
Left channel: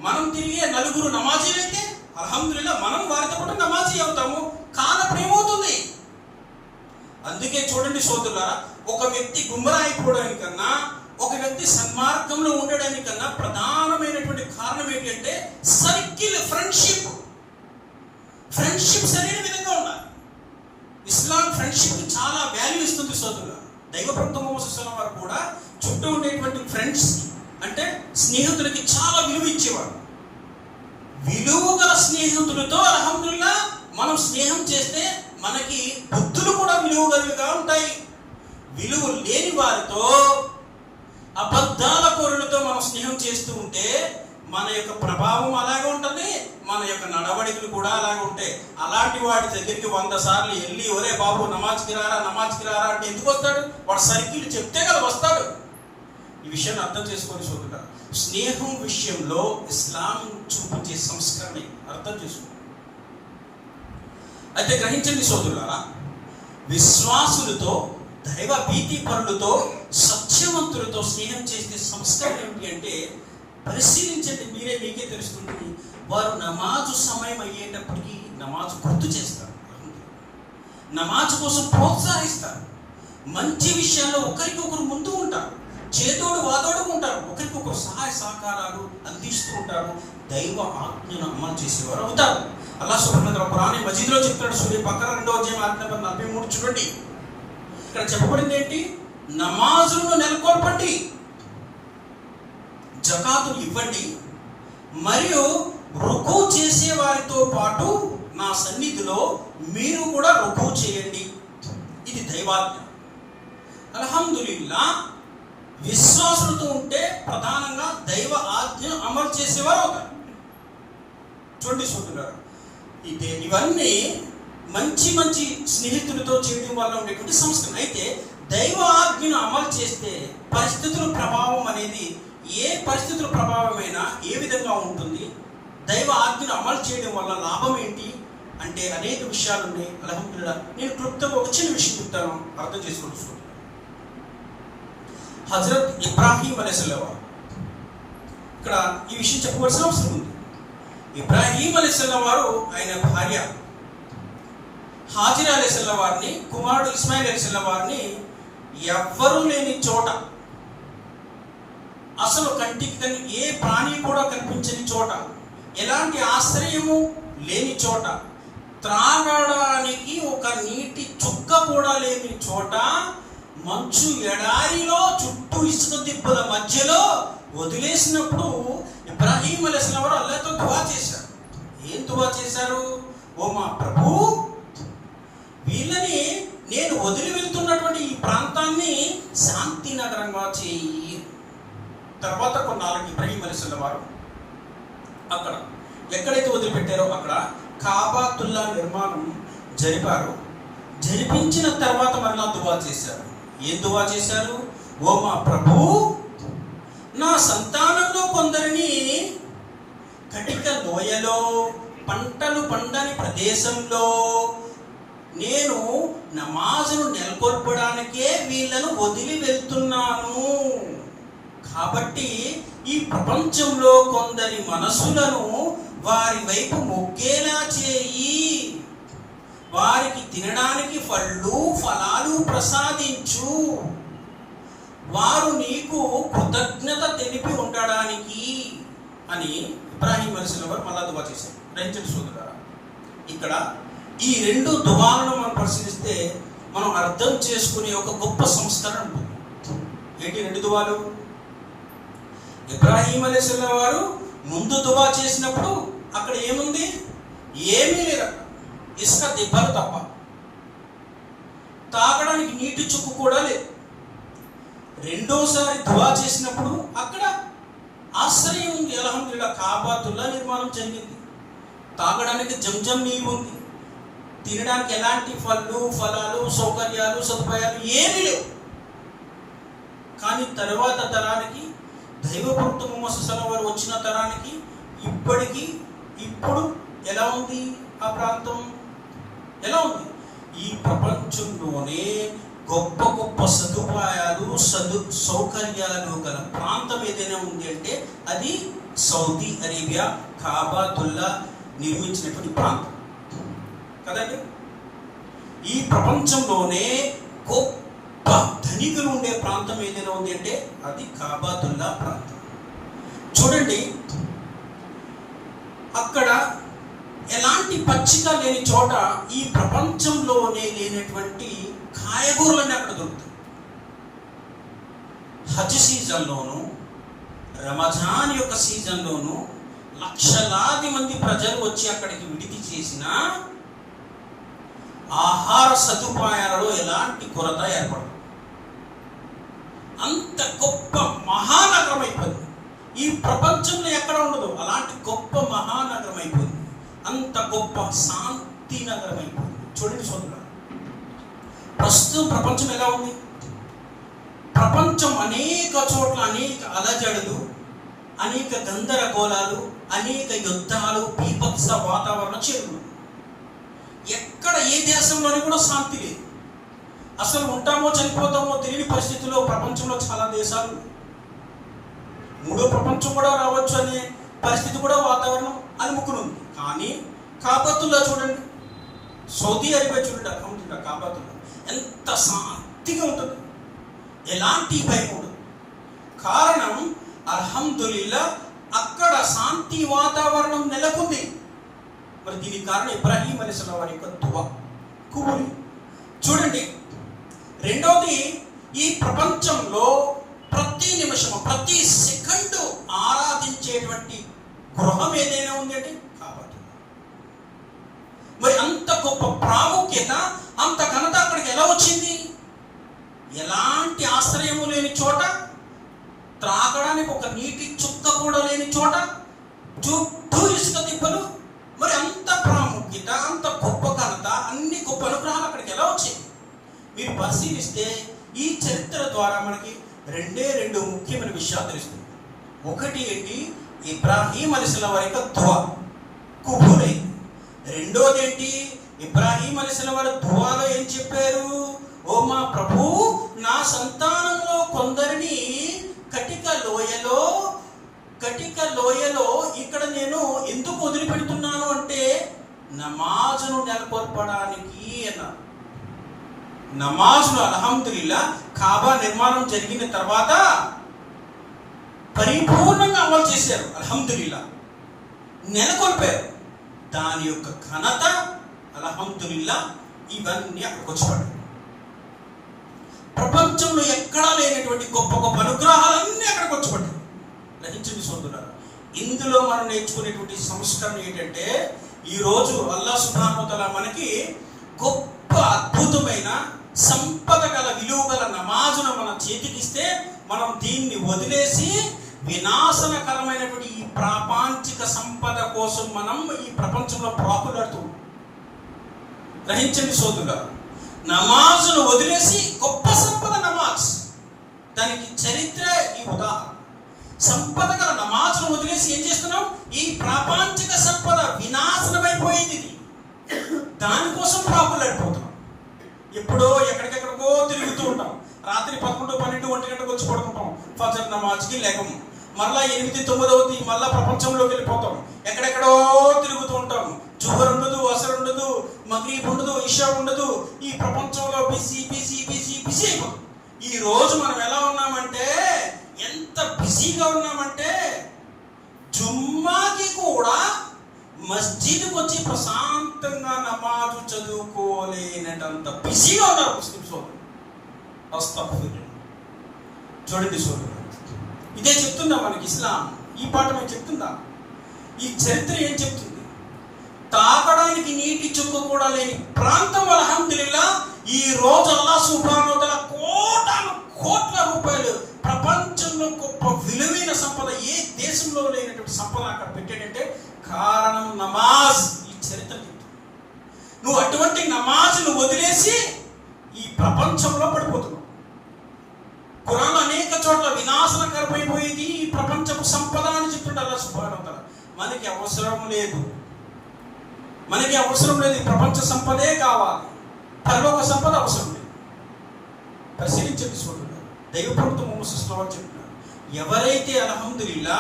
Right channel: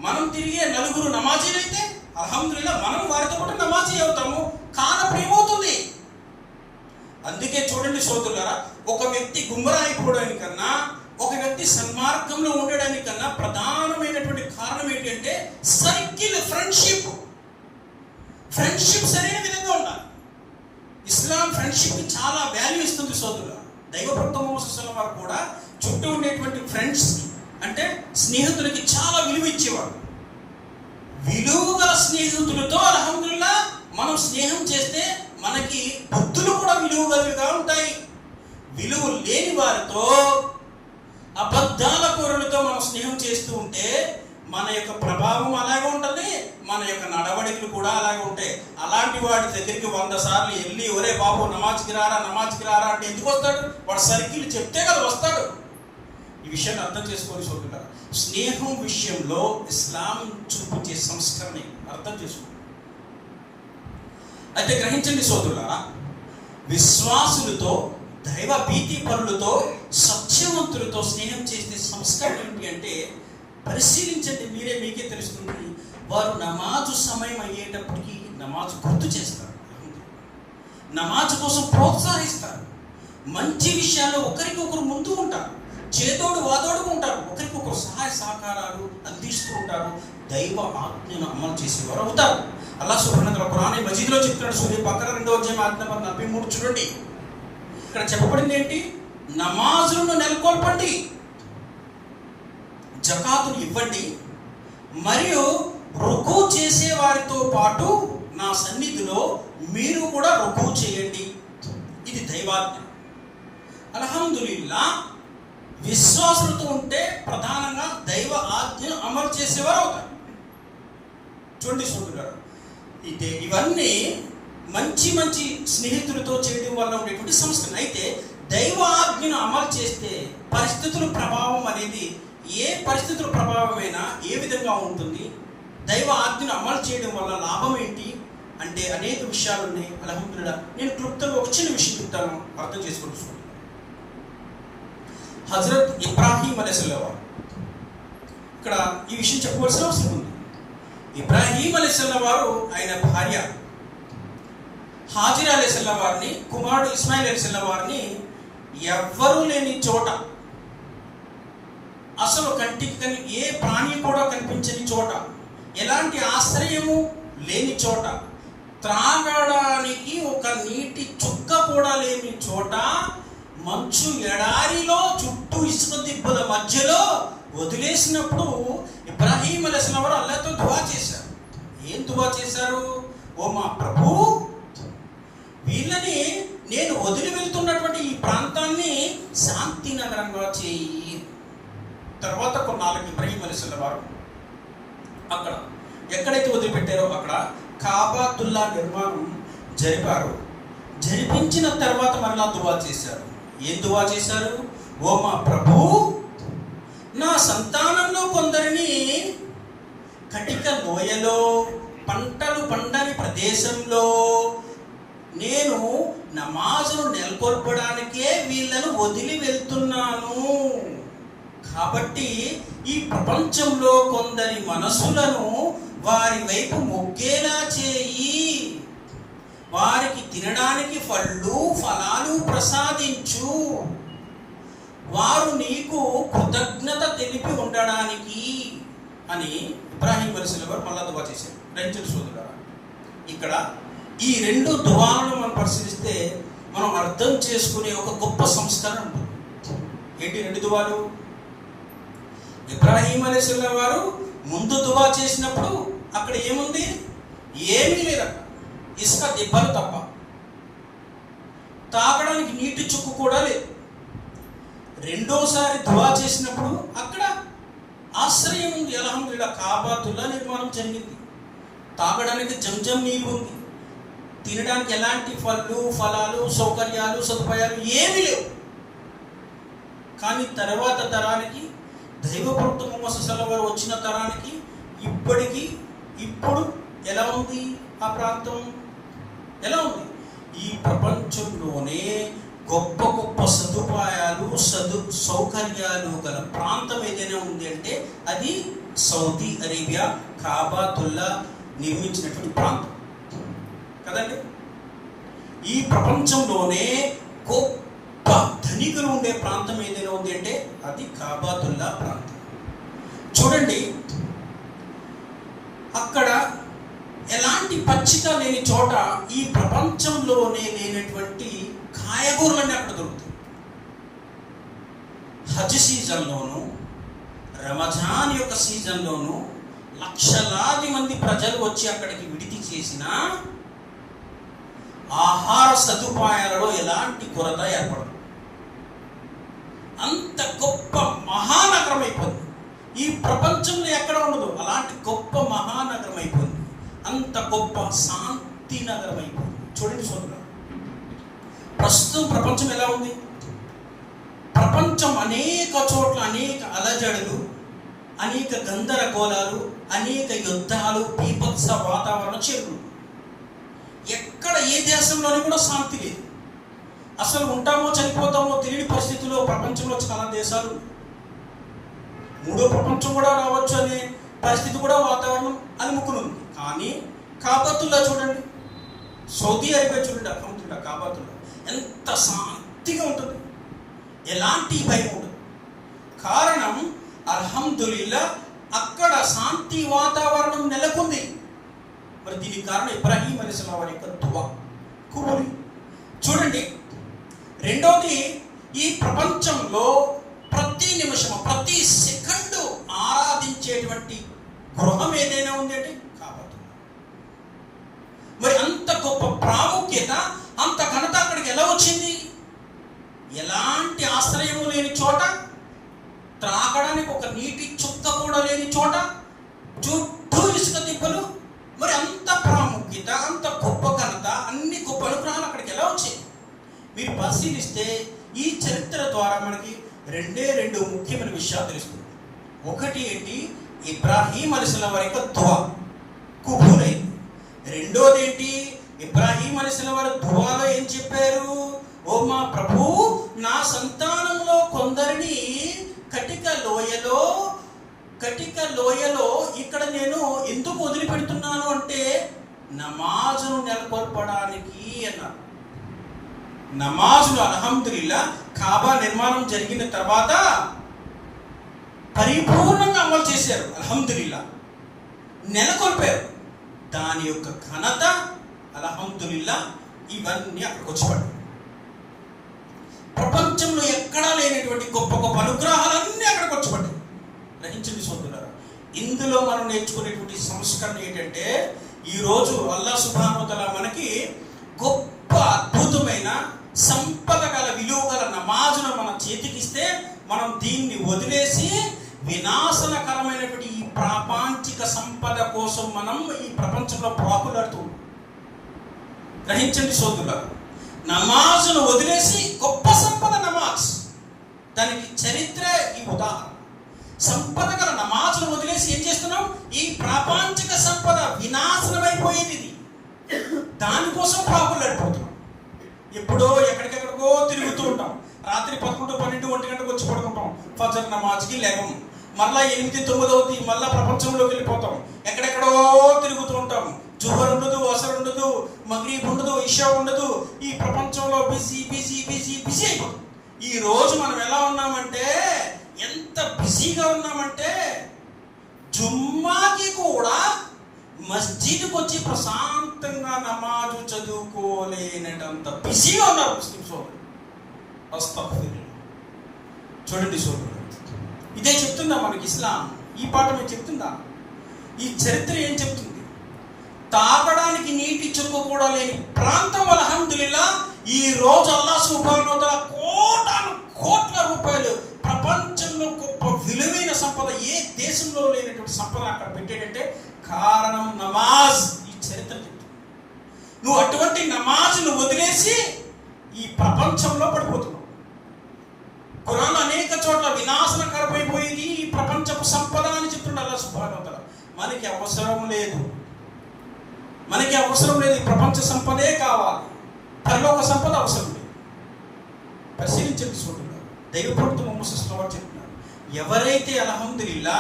మనం తిరిగే నలుగురు నమాజీలు అయితే అల్హమ్దులిల్లాహ్ మనం వారితో పాటు నమాజీ అవుతాము. కానప్పుడు ఏమవుతుంది? అందుకే చూడండి సోదరులారా, ఒక వ్యక్తి గుమ్రా అయిపోవడానికన్నా ఒక వ్యక్తి సన్మార్గంలో ఉండడానికన్నా ప్రధానమైనటువంటి కారణం ఏంటంటే సర్కిల్, ఫ్రెండ్షిప్ సరైన విధంగా ఉండాలి. ఇస్లాం ఫ్రెండ్షిప్ చాలా వాల్యూ ఇస్తుంది సోదరులారా. దైవ ప్రవక్త ముహమ్మద్ సల్లల్లాహు అలైహి వసల్లం వారు కూడా చుట్టూ ఉండేటువంటి ఫ్రెండ్స్ అంటే స్నేహితులకి చాలా విలువ ఇచ్చేవాడు. విలువ గల స్నేహితులతో అల్హమ్దులిల్లాహ్ మనం స్నేహం చేస్తే మనకి బుద్ధులు కూడా విలువ కలిగిగా ఉంటాయి. విలువ లేని వారితో, అబద్ధాల కోరులతో మనం స్నేహం చేస్తూ ఉంటే మన యొక్క ప్రభావం అలాగే ఉంటుంది, మన యొక్క నడవడికలు కూడా అలాగే ఉంటాయి. అలాంటి వాడి దగ్గరికి 100 సార్లు వెళ్ళి, ఒరే బాబు నమాజ్కి రారా అంటే ఎందుకు వస్తాడు? వాడు సర్కిల్ చెప్తే కదా వస్తాడు. ఈ విషయాన్ని అర్థం చేసుకొని చూడాలి. స్నేహం విషయంలో ఇస్లాం చూపించే సంస్కరణ అర్థం చేసుకోండి. అయితే గ్రహించండి సోదరులారా, విశ్వాసులతో, దైవ భీతి పరులతో, సత్యవంతులతో స్నేహం చేసే సంస్కారం ఏమిటి అంటే, పరిశీలించండి, మీకే తెలుస్తుంది. వారు నమాజు సమయం అయ్యేటప్పటికీ నమాజు గుర్తు చేస్తారు, నమాజు కోసం ప్రోత్సహిస్తారు, మంచి విషయాల్లో ఒకరికొకరు ముందు ఉంటారు, చేదోడు వాదోడు ఉంటారు, ఒకరికొకరు సహాయ సహకారాలు అందిస్తూ ఉంటారు, దైవ ఆజ్ఞను అమలు చేసేవారు అవుతారు. అల్లాహ్ సుబ్హానహు వ తఆలా ఖురాన్ మజీద్లో చెప్తాడు, సూరా బకరా 2వ అధ్యాయం ఆయత్ నంబర్ 43 చూడండి. ఇక్కడ చెప్పబడింది ఏంటి? నమాజును నెలకొల్పండి, జకాతును ఇవ్వండి, మరియు రుకు చేసే వారితో పాటు నా సన్నిధిలో మీరు కూడా రుకు చేయండి. ఇది దైవాజ్ఞ. అల్హమ్దులిల్లాహ్, విశ్వాసులతో ఉంటే ప్రధానంగా దైవ ఆజ్ఞను అమలు చేసేవారు అవుతారు. చూడండి సోదరులారా, ఇవన్నీ మంచి మంచి స్నేహితులతో చేయడం వల్ల ఉండేటువంటి సంస్కరణ. అయితే దైవ ఆజ్ఞను అమలు చేస్తే పరిస్థితుల ప్రభావం అనేది ఏ పరిస్థితుల ప్రభావమైనా ఏ విధంగా ఉంటుంది? దైవ ఆజ్ఞను అమలు చేయడం వల్ల లాభం ఏంటి అంటే అనేక విషయాలు ఉన్నాయి. అల్హమ్దులిల్లాహ్, నేను క్లుప్తంగా ఒక చిన్న విషయం చెప్తాను, అర్థం చేసుకోవచ్చు. హజరత్ ఇబ్రాహీం అలైహిస్సలాం వారు, ఇక్కడ ఈ విషయం చెప్పవలసిన అవసరం ఉంది. ఇబ్రాహీం అలైహిస్సలాం వారు ఆయన భార్య హాజిరా అలైహిస్సలాం వారిని, కుమారుడు ఇస్మాయిల్ అలైహిస్సలాం వారిని ఎవ్వరూ లేని చోట, అసలు కంటికి ఏ ప్రాణి కూడా కనిపించని చోట, ఎలాంటి ఆశ్రయము లేని చోట, త్రాగడానికి ఒక నీటి చుక్క కూడా లేని చోట, మంచు ఎడారిలో చుట్టూ ఇసుక దిబ్బల మధ్యలో వదిలేసినప్పుడు ఇబ్రాహీం అలైహిస్సలాం వారు అల్లాహ్తో దువా చేశారు. ఏం దువా చేశారు? ఓ మా ప్రభు, వీళ్ళని నేను వదిలి వెళ్తున్నటువంటి ఈ ప్రాంతాన్ని శాంతి నగరంగా చేయి. తర్వాత కొన్నాళ్ళకి ఇబ్రాహీం అలైహిస్సలాం వారు అక్కడ ఎక్కడైతే వదిలిపెట్టారో అక్కడ కాబతుల్లా నిర్మాణం జరిపారు. జరిపించిన తర్వాత మరలా దువా చేశారు. ఏం దువా చేశారు? ఓ మా ప్రభు, నా సంతానంలో కొందరిని కటిక లోయలో, పంటలు పండని ప్రదేశంలో నేను నమాజును నెలకొల్పడానికే వీళ్ళను వదిలి వెళ్తున్నాను. కాబట్టి ఈ ప్రపంచంలో కొందరి మనసులను వారి వైపు మొగ్గేలా చేయి, వారికి తినడానికి ఫలాలు ప్రసాదించు, వారు నీకు కృతజ్ఞత తెలిపి ఉండడానికి అని ఇబ్రాహీం అలైహిస్సలాం వారు మళ్ళా దువా చేశారు. రంజన్ సోదరులారా, ఇక్కడ ఈ రెండు దువాలను మనం పరిశీలిస్తే మనం అర్థం చేసుకునే ఒక గొప్ప సంస్కరణ ఉంటుంది. ఏంటి రెండు దువాలు? ఇబ్రాహీం అలైహిస్సలాం వారు ముందు దువా చేసినప్పుడు అక్కడ ఏముంది? ఏమీ లేదు, ఇసుక దిబ్బలు తప్ప, తాగడానికి నీటి చుక్కు కూడా లేదు. రెండోసారి దువా చేసినప్పుడు అక్కడ ఆశ్రయం ఉంది. అల్హమ్దులిల్లాహ్, కాబతుల్లా నిర్మాణం జరిగింది, తాగడానికి జంజం నీరు ఉంది, తినడానికి ఎలాంటి ఫలాలు సౌకర్యాలు సదుపాయాలు ఏమీ లేవు. కానీ తర్వాత తరానికి, దైవభక్త ముహమ్మద్ సల్లల్లాహు అలైహి వసల్లం వచ్చిన తరానికి ఇప్పుడు ఎలా ఉంది? ఆ ప్రాంతం ఎలా ఉంది? ఈ ప్రపంచంలోనే గొప్ప గొప్ప సదుపాయాలు సౌకర్యాలు గల ప్రాంతం ఏదైనా ఉంది అంటే అది సౌదీ అరేబియా, కాబతుల్లా నిర్మించినటువంటి ప్రాంతం కదండి. ఈ ప్రపంచంలోనే గొప్ప ధనికులు ఉండే ప్రాంతం ఏదైనా ఉంది అంటే అది కాబతుల్లా ప్రాంతం. చూడండి, అక్కడ ఎలాంటి పచ్చిక లేని చోట ఈ ప్రపంచంలోనే లేనటువంటి కాయగూరలన్నీ అక్కడ దొరుకుతాయి. హజ్ సీజన్లోను, రమజాన్ యొక్క సీజన్లోను లక్షలాది మంది ప్రజలు వచ్చి అక్కడికి విడిది చేసిన ఆహార సదుపాయాలలో ఎలాంటి కొరత ఏర్పడదు. అంత గొప్ప మహానగరం అయిపోయింది. ఈ ప్రపంచంలో ఎక్కడ ఉండదు అలాంటి గొప్ప మహానగరం అయిపోయింది. అంత గొప్ప శాంతి నగరం అయిపోయింది. చూడండి సోదరులారా, ప్రస్తుతం ప్రపంచం ఎలా ఉంది? ప్రపంచం అనేక చోట్ల అనేక అలజడులు, అనేక గందరగోళాలు, అనేక యుద్ధాలు, బీభత్స వాతావరణ చేరులు. ఎక్కడ ఏ దేశంలోని కూడా శాంతి లేదు. అసలు ఉంటామో చనిపోతామో తెలియని పరిస్థితుల్లో ప్రపంచంలో చాలా దేశాలు, మూడో ప్రపంచం కూడా రావచ్చు అనే పరిస్థితి కూడా వాతావరణం అలుముకునుంది. కానీ కాబతుల్లా చూడండి, సౌదీ అరేబియా చూడండి, అక్కడ కాబతుల్లా ఎంత శాంతిగా ఉంటుంది, ఎలాంటి భయం ఉండదు. కారణం అల్హమ్దులిల్లాహ్ అక్కడ శాంతి వాతావరణం నెలకొంది. మరి దీనికి కారణం ఇబ్రాహీం అలైహిస్సలాం వారి యొక్క దువా కుబూలి. చూడండి, రెండోది, ఈ ప్రపంచంలో ప్రతి నిమిషము ప్రతి సెకండు ఆరాధించేటువంటి గృహం ఏదైనా ఉంది అంటే కాబతుల్లా. మరి అంత గొప్ప ప్రాముఖ్యత, అంత ఘనత అక్కడికి ఎలా వచ్చింది? ఎలాంటి ఆశ్రయము లేని చోట త్రాగడానికి ఒక నీటి చుక్క కూడా లేని చోట చుట్టూ ఇసుక దిబ్బలు, మరి అంత ప్రాముఖ్యత, అంత గొప్ప ఘనత, అన్ని గొప్ప అనుగ్రహాలు అక్కడికి ఎలా వచ్చాయి? మీరు పరిశీలిస్తే ఈ చరిత్ర ద్వారా మనకి రెండు ముఖ్యమైన విషయాలు తెలుస్తుంది. ఒకటి ఏంటి? ఇబ్రాహీం అలైహిస్సలాం వారి యొక్క దువా కుబూలైంది. రెండోది ఏంటి? ఇబ్రాహీం అలైహిస్సలాం వారి దువాలో ఏం చెప్పారు? ఓ మా ప్రభు, నా సంతానంలో కొందరిని కటిక లోయలో ఇక్కడ నేను ఎందుకు వదిలిపెడుతున్నాను అంటే నమాజును నెలకొల్పడానికి అన్నారు. నమాజును అల్హమ్దులిల్లా కాబా నిర్మాణం జరిగిన తర్వాత పరిపూర్ణంగా అమలు చేశారు. అల్హమ్దులిల్లా నెలకొల్పారు. దాని యొక్క ఘనత అల్హమ్దులిల్లా ఇవన్నీ అక్కడికి వచ్చాడు. ప్రపంచంలో ఎక్కడా లేనటువంటి గొప్ప గొప్ప అనుగ్రహాలన్నీ అక్కడికి వచ్చబడ్డాయి. గ్రహించండి సోదరులారా, ఇందులో మనం నేర్చుకునేటువంటి సంస్కరణ ఏంటంటే, ఈరోజు అల్లాహ్ సుబ్హానహు వ తఆలా మనకి గొప్ప అద్భుతమైన సంపద గల విలువ గల నమాజును మన చేతికిస్తే మనం దీన్ని వదిలేసి వినాశనకరమైనటువంటి ఈ ప్రాపంచిక సంపద కోసం మనం ఈ ప్రపంచంలో ప్రాకులాడుతూ. గ్రహించండి సోదరులారా, నమాజును వదిలేసి గొప్ప సంపద నమాజ్, దానికి చరిత్ర ఈ ఉదాహరణ. సంపద గల నమాజును వదిలేసి ఏం చేస్తున్నాం? ఈ ప్రాపంచిక సంపద వినాశనమైపోయింది, దానికోసం ప్రాకులాడిపోతున్నాం. ఎప్పుడో ఎక్కడికెక్కడికో తిరుగుతూ ఉంటాం. రాత్రి 11, 12, 1 గంటకు వచ్చి పడుకుంటాం. ఫజర్ నమాజ్కి లేకం, మళ్ళా 8, 9 అవుతుంది, మళ్ళా ప్రపంచంలోకి వెళ్ళిపోతాం. ఎక్కడెక్కడో తిరుగుతూ ఉంటాం. జుహర్ ఉండదు, అసర్ ఉండదు, మగ్రిబ్ ఉండదు, ఇషా ఉండదు. ఈ ప్రపంచంలో బిజీ అయిపోతుంది. ఈ రోజు మనం ఎలా ఉన్నామంటే, ఎంత బిజీగా ఉన్నామంటే, జుమ్మాకి కూడా మస్జిద్కి వచ్చి ప్రశాంతంగా నమాజు చదువుకోలేనంత బిజీగా ఉన్నారు ముస్లిం సోదరులు. చూడండి సోదరులు, ఇదే చెప్తుందా మనకి ఇస్లాం? ఈ పాఠం ఏం చెప్తుందా? ఈ చరిత్ర ఏం చెప్తుంది? తాగడానికి నీటి చుక్క కూడా లేని ప్రాంతం అల్హమ్దులిల్లా ఈ రోజు అల్లాహ్ సుబ్హానహు వ తఆలా కోట్ల రూపాయలు ప్రపంచంలో గొప్ప విలువైన సంపద, ఏ దేశంలో లేనటువంటి సంపద అక్కడ పెట్టాడంటే కారణం నమాజ్. ఈ చరిత్ర చెప్తుంది. నువ్వు అటువంటి నమాజ్ను వదిలేసి ఈ ప్రపంచంలో పడిపోతున్నావు. ఖురాన్ అనేక చోట్ల వినాశనకరమైపోయింది ఈ ప్రపంచపు సంపద అని చెప్తుండే అల్లాహ్ సుబ్హానహు వ తఆలా. మనకి అవసరం లేదు ఈ ప్రపంచ సంపదే కావాలి, పరలోక సంపద అవసరం లేదు. పరిశీలించండి చూడండి, దైవప్రవక్త ముహమ్మద్ సల్లల్లాహు అలైహి వసల్లం చెప్పినారు, ఎవరైతే అల్హమ్దులిల్లా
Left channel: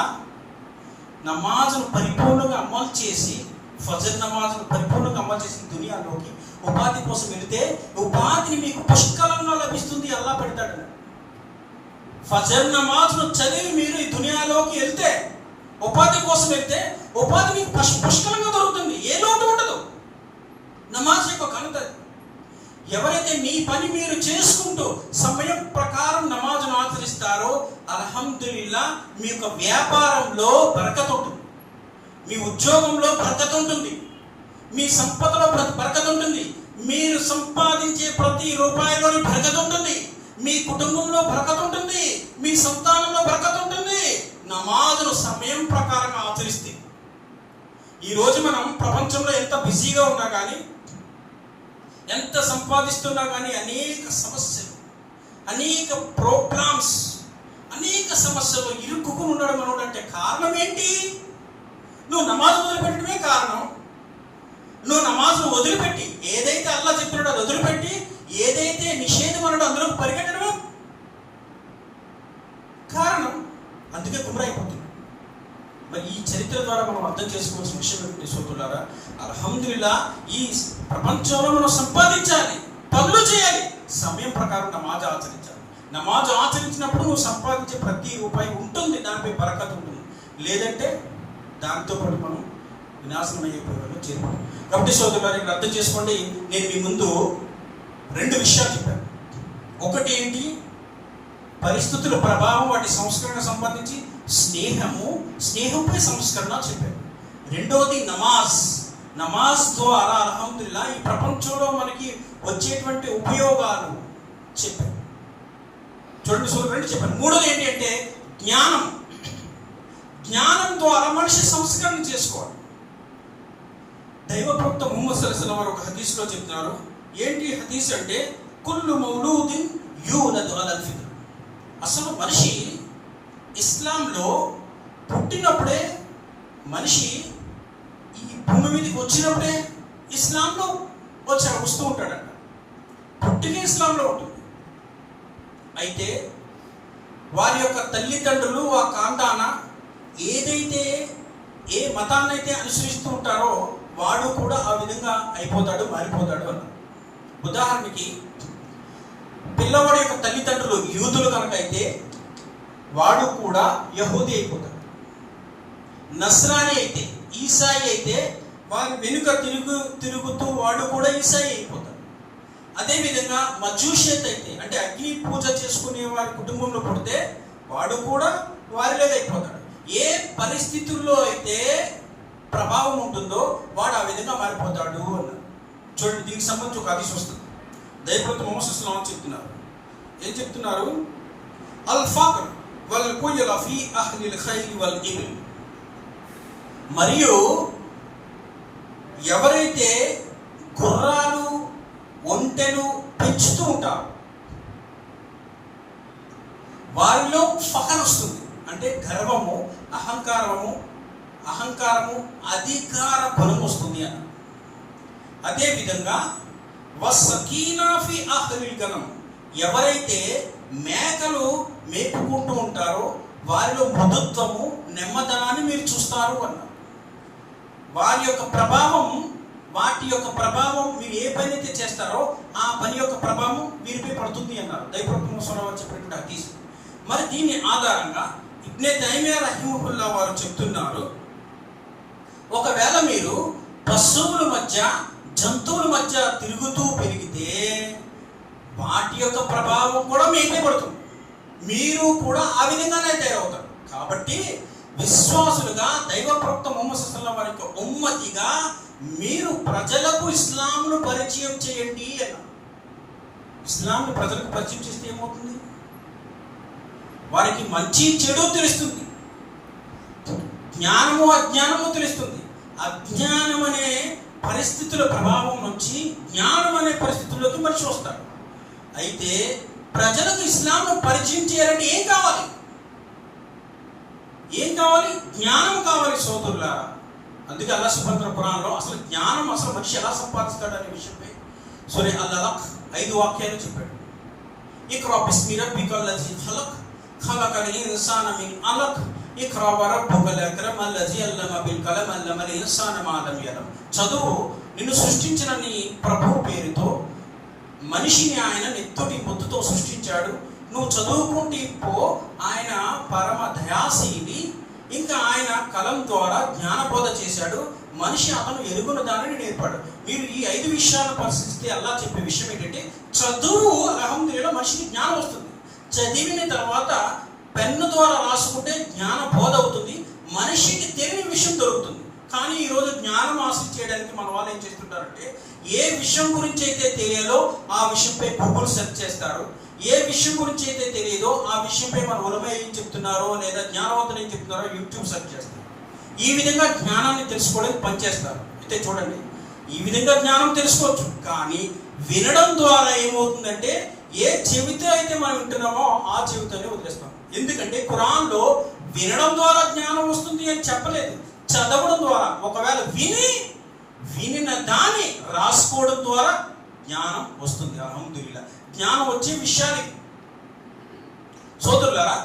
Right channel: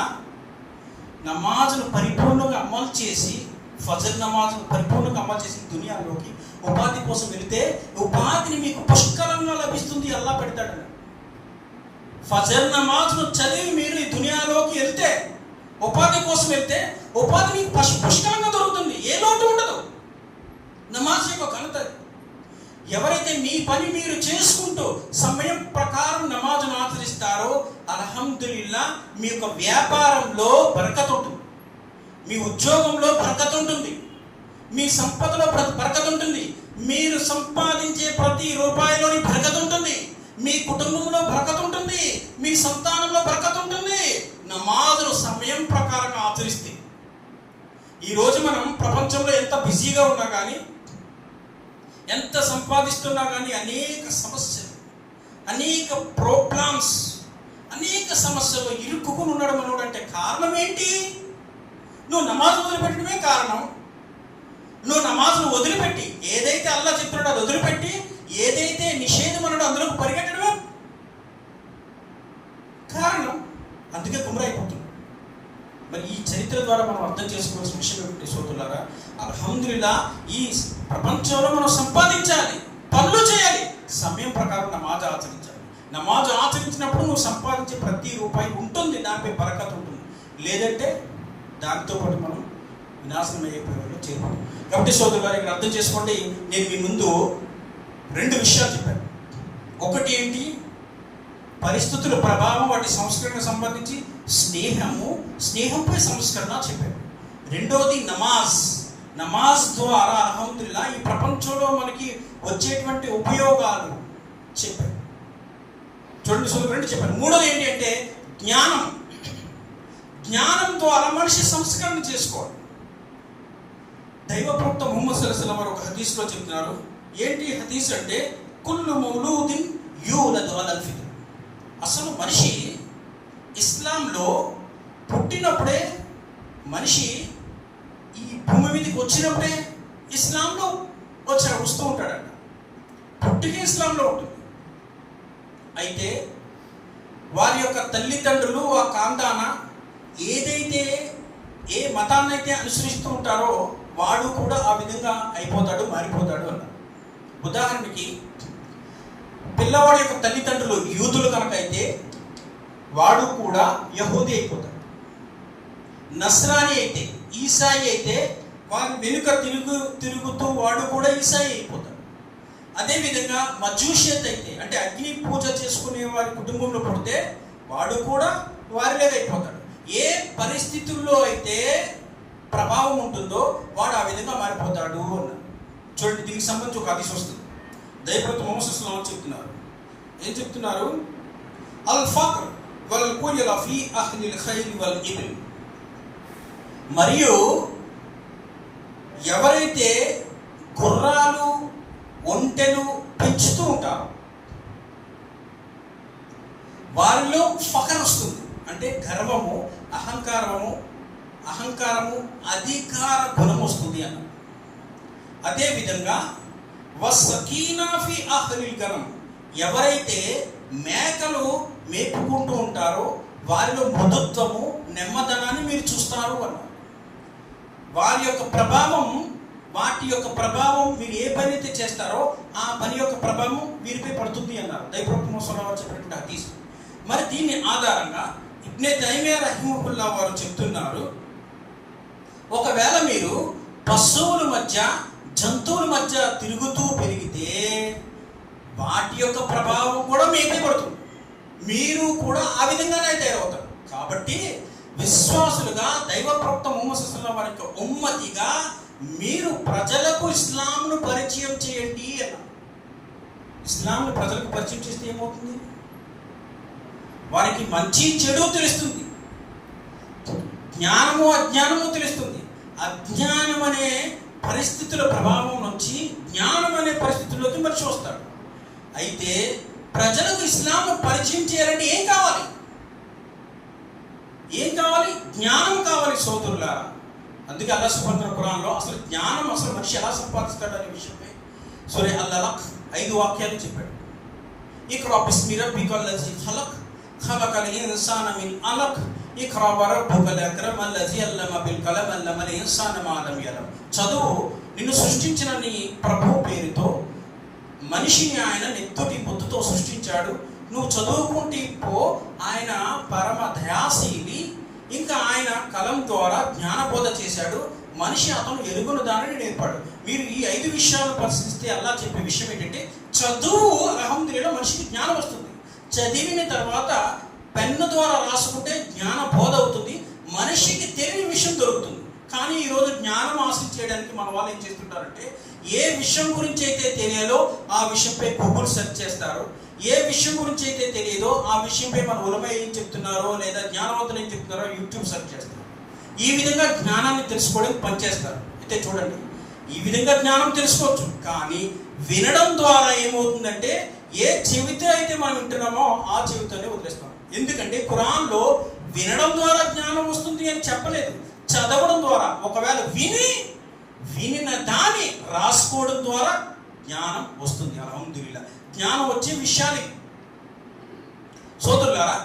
నమాజును పరిపూర్ణంగా అమలు చేసి, ఫజర్ నమాజును పరిపూర్ణంగా అమలు చేసి దునియాలోకి ఉపాధి కోసం వెళితే ఉపాధిని మీకు పుష్కలంగా లభిస్తుంది, అల్లాహ్ పెడతాడు. ఫజర్ నమాజును చదివి మీరు ఈ దునియాలోకి వెళ్తే, ఉపాధి కోసం వెళ్తే ఉపాధి మీకు పుష్కలంగా దొరుకుతుంది, ఏ లోటు ఉండదు. నమాజ్ యొక్క ఘనత. ఎవరైతే మీ పని మీరు చేసుకుంటూ సమయం ప్రకారం నమాజును ఆచరిస్తారో అల్హమ్దులిల్లా మీ యొక్క వ్యాపారంలో బరకత్ ఉంటుంది, మీ ఉద్యోగంలో బరకత్ ఉంటుంది, మీ సంపదలో బరకత్ ఉంటుంది, మీరు సంపాదించే ప్రతి రూపాయిలోని బరకత్ ఉంటుంది, మీ కుటుంబంలో బరకత్ ఉంటుంది, మీ సంతానంలో బరకత్ ఉంటుంది. నమాజును సమయం ప్రకారంగా ఆచరిస్తే. ఈరోజు మనం ప్రపంచంలో ఎంత బిజీగా ఉన్నా కానీ, ఎంత సంపాదిస్తున్నా కానీ అనేక సమస్యలు, అనేక ప్రాబ్లమ్స్, అనేక సమస్యలు ఇరుక్కుని ఉండడం అంటే కారణం ఏంటి? నువ్వు నమాజ్ వదిలిపెట్టడమే కారణం. నువ్వు నమాజ్ను వదిలిపెట్టి ఏదైతే అల్లాహ్ చెప్పినాడో అది వదిలిపెట్టి ఏదైతే నిషేధం అన్నాడో అందులోకి పరిగెట్టడమే కారణం. అందుకే గుమ్రైపోతుంది. మరి ఈ చరిత్ర ద్వారా మనం అర్థం చేసుకోవాల్సిన విషయం ఏమిటి సోదరులారా? అల్హమ్దులిల్లా ఈ ప్రపంచంలో మనం సంపాదించాలి, పనులు చేయాలి, సమయం ప్రకారం నమాజ్ ఆచరించాలి. నమాజ్ ఆచరించినప్పుడు నువ్వు సంపాదించే ప్రతి రూపాయి ఉంటుంది, దానిపై బరకత్ ఉంటుంది. లేదంటే దాంతో పాటు మనం వినాశనం అయ్యే ప్రయోజనం చేరుకోవాలి. కాబట్టి సోదరులారా, ఇక్కడ అర్థం చేసుకోండి, నేను మీ ముందు 2 విషయాలు చెప్పాను. ఒకటి ఏంటి? పరిస్థితుల ప్రభావం, వాటి సంస్కరణ సంబంధించి స్నేహంపై సంస్కరణ చెప్పారు. రెండోది నమాజ్ ద్వారా అల్హమ్దులిల్లా ఈ ప్రపంచంలో మనకి వచ్చేటువంటి ఉపయోగాలు చెప్పారు. చూడండి సోదరులు, 2 చెప్పారు. మూడోది ఏంటి అంటే జ్ఞానం ద్వారా మనిషి సంస్కరణ చేసుకోవాలి. దైవ ప్రవక్త ముహమ్మద్ సల్లల్లాహు అలైహి వసల్లం వారు ఒక హదీస్లో చెప్తున్నారు. ఏంటి హదీస్ అంటే, కుల్లు మౌలూదిన్ యూలదు అలల్ ఫిత్ర. అసలు మనిషి ఇస్లాంలో పుట్టినప్పుడే, మనిషి ఈ భూమి మీదకి వచ్చినప్పుడే ఇస్లాంలో వస్తూ ఉంటాడంట. పుట్టిన ఇస్లాంలో ఉంటుంది. అయితే వారి యొక్క తల్లిదండ్రులు ఆ కాంతాన ఏదైతే ఏ మతాన్నైతే అనుసరిస్తూ ఉంటారో వాడు కూడా ఆ విధంగా అయిపోతాడు, మారిపోతాడు అన్న. ఉదాహరణకి పిల్లవాడి యొక్క తల్లిదండ్రులు యూదులు కనుక అయితే వాడు కూడా యహూదీ అయిపోతాడు. నస్రాని అయితే, ఈసాయి అయితే వారి వెనుక తిరుగుతూ వాడు కూడా ఈసాయి అయిపోతాడు. అదేవిధంగా మజూషియత్ అయితే, అంటే అగ్ని పూజ చేసుకునే వారి కుటుంబంలో పుడితే వాడు కూడా వారిలాగా అయిపోతాడు. ఏ పరిస్థితుల్లో అయితే ప్రభావం ఉంటుందో వాడు ఆ విధంగా మారిపోతాడు అన్నారు. చూడండి, దీనికి సంబంధించి ఒక హదీస్ వస్తుంది. దైవప్రవక్త ముహమ్మద్ సల్లల్లాహు అలైహి వసల్లం చెప్తున్నారు. ఏం చెప్తున్నారు? అల్ ఫక్ర్ వల్ కుయల ఫీ అహ్లిల్ ఖైర్ వల్ ఇబ్న్. మరియు ఎవరైతే గుర్రాలు ఒంటెలు పెంచుతూ ఉంటారు వారిలో ఫఖర్ వస్తుంది. అంటే గర్వము, అహంకారము, అధికార గుణం వస్తుంది అన్న. అదేవిధంగా వసకీనా ఫీ అహ్లిల్ గనం. ఎవరైతే మేకలు మేపుకుంటూ ఉంటారో వారిలో మృదుత్వము, నెమ్మదనాన్ని మీరు చూస్తారు అన్నారు. వాటి యొక్క ప్రభావం మీరు ఏ పని అయితే చేస్తారో ఆ పని యొక్క ప్రభావం వీరిపై పడుతుంది అన్నారు దైవప్రవక్త ముహమ్మద్ సల్లల్లాహు అలైహి వసల్లం చెప్పినటువంటి హదీస్. మరి దీని ఆధారంగా ఇబ్నే తైమియా రహిమహుల్లాహ్ వారు చెప్తున్నారు, ఒకవేళ మీరు పశువుల మధ్య, జంతువుల మధ్య తిరుగుతూ పెరిగితే వాటి యొక్క ప్రభావం కూడా మీపై పడుతుంది. మీరు కూడా ఆ విధంగానే తయారవుతారు. కాబట్టి విశ్వాసులుగా దైవ ప్రవక్త ముహమ్మద్ సల్లల్లాహు అలైహి వసల్లం వారి యొక్క ఉమ్మతిగా మీరు ప్రజలకు ఇస్లాంను పరిచయం చేయండి అన్నారు. ఇస్లాంను ప్రజలకు పరిచయం చేస్తే ఏమవుతుంది? వారికి మంచి చెడు తెలుస్తుంది, జ్ఞానము అజ్ఞానము తెలుస్తుంది. అజ్ఞానం అనే పరిస్థితుల ప్రభావం నుంచి జ్ఞానం అనే పరిస్థితుల్లోకి మనిషి వస్తాడు. అయితే ప్రజలకు ఇస్లాంను పరిచయం చేయాలంటే ఏం కావాలి? జ్ఞానం కావాలి సోదరులారా. అందుకే అల్లాహ్ సుబ్హానహు ఖురాన్లో అసలు జ్ఞానం, అసలు మనిషి ఎలా సంపాదిస్తాడు అనే విషయంపై సూరా అల్-అలక్ 5 వాక్యాలు చెప్పాడు. ఇక్రా బిస్మి రబ్బికల్ లజీ ఖలక్ ఖలకల్ ఇన్సాన మిన్ అలక్ ఇక్రా వరబ్బుకల్ అక్రమ్ అల్లజీ అల్లమ బిల్ కలం అల్లమల్ ఇన్సాన మా లం యలం. చదువు, నిన్ను సృష్టించిన నీ ప్రభువు పేరుతో, మనిషిని ఆయన నెత్తుటి ముద్దుతో సృష్టించాడు. నువ్వు చదువుకుంటే ఆయన పరమ దయాశీలి. ఇంకా ఆయన కలం ద్వారా జ్ఞానబోధ చేశాడు. మనిషి అతను ఎరుగున దానిని నేర్పాడు. మీరు ఈ 5 విషయాలు పరిశీలిస్తే అల్లాహ్ చెప్పే విషయం ఏంటంటే, చదువు అల్హమ్దులిల్లాహ్ మనిషికి జ్ఞానం వస్తుంది. చదివిన తర్వాత పెన్ను ద్వారా రాసుకుంటే జ్ఞాన బోధ అవుతుంది, మనిషికి తెలియని విషయం దొరుకుతుంది. కానీ ఈరోజు జ్ఞానం హాసిల్ చేయడానికి మన వాళ్ళు ఏం చేస్తుంటారంటే, ఏ విషయం గురించి అయితే తెలియాలో ఆ విషయంపై గూగుల్ సెర్చ్ చేస్తారు. ఏ విషయం గురించి అయితే తెలియదో ఆ విషయంపై మన ఉలమా ఏం చెప్తున్నారో లేదా జ్ఞానవంతులు ఏం చెప్తున్నారో యూట్యూబ్ సెర్చ్ చేస్తారు. ఈ విధంగా జ్ఞానాన్ని తెలుసుకోవడానికి పనిచేస్తారు. అయితే చూడండి, ఈ విధంగా జ్ఞానం తెలుసుకోవచ్చు. కానీ వినడం ద్వారా ఏమవుతుందంటే, ఏ చెవితో అయితే మనం వింటున్నామో ఆ చెవితోనే వదిలేస్తాం. ఎందుకంటే ఖురాన్లో వినడం ద్వారా జ్ఞానం వస్తుంది అని చెప్పలేదు, చదవడం ద్వారా. ఒకవేళ వినిన దాన్ని రాసుకోవడం ద్వారా జ్ఞానం వస్తుంది. అల్హమ్దులిల్లాహ్ జ్ఞానం వచ్చే విషయాలు సోదరులారా.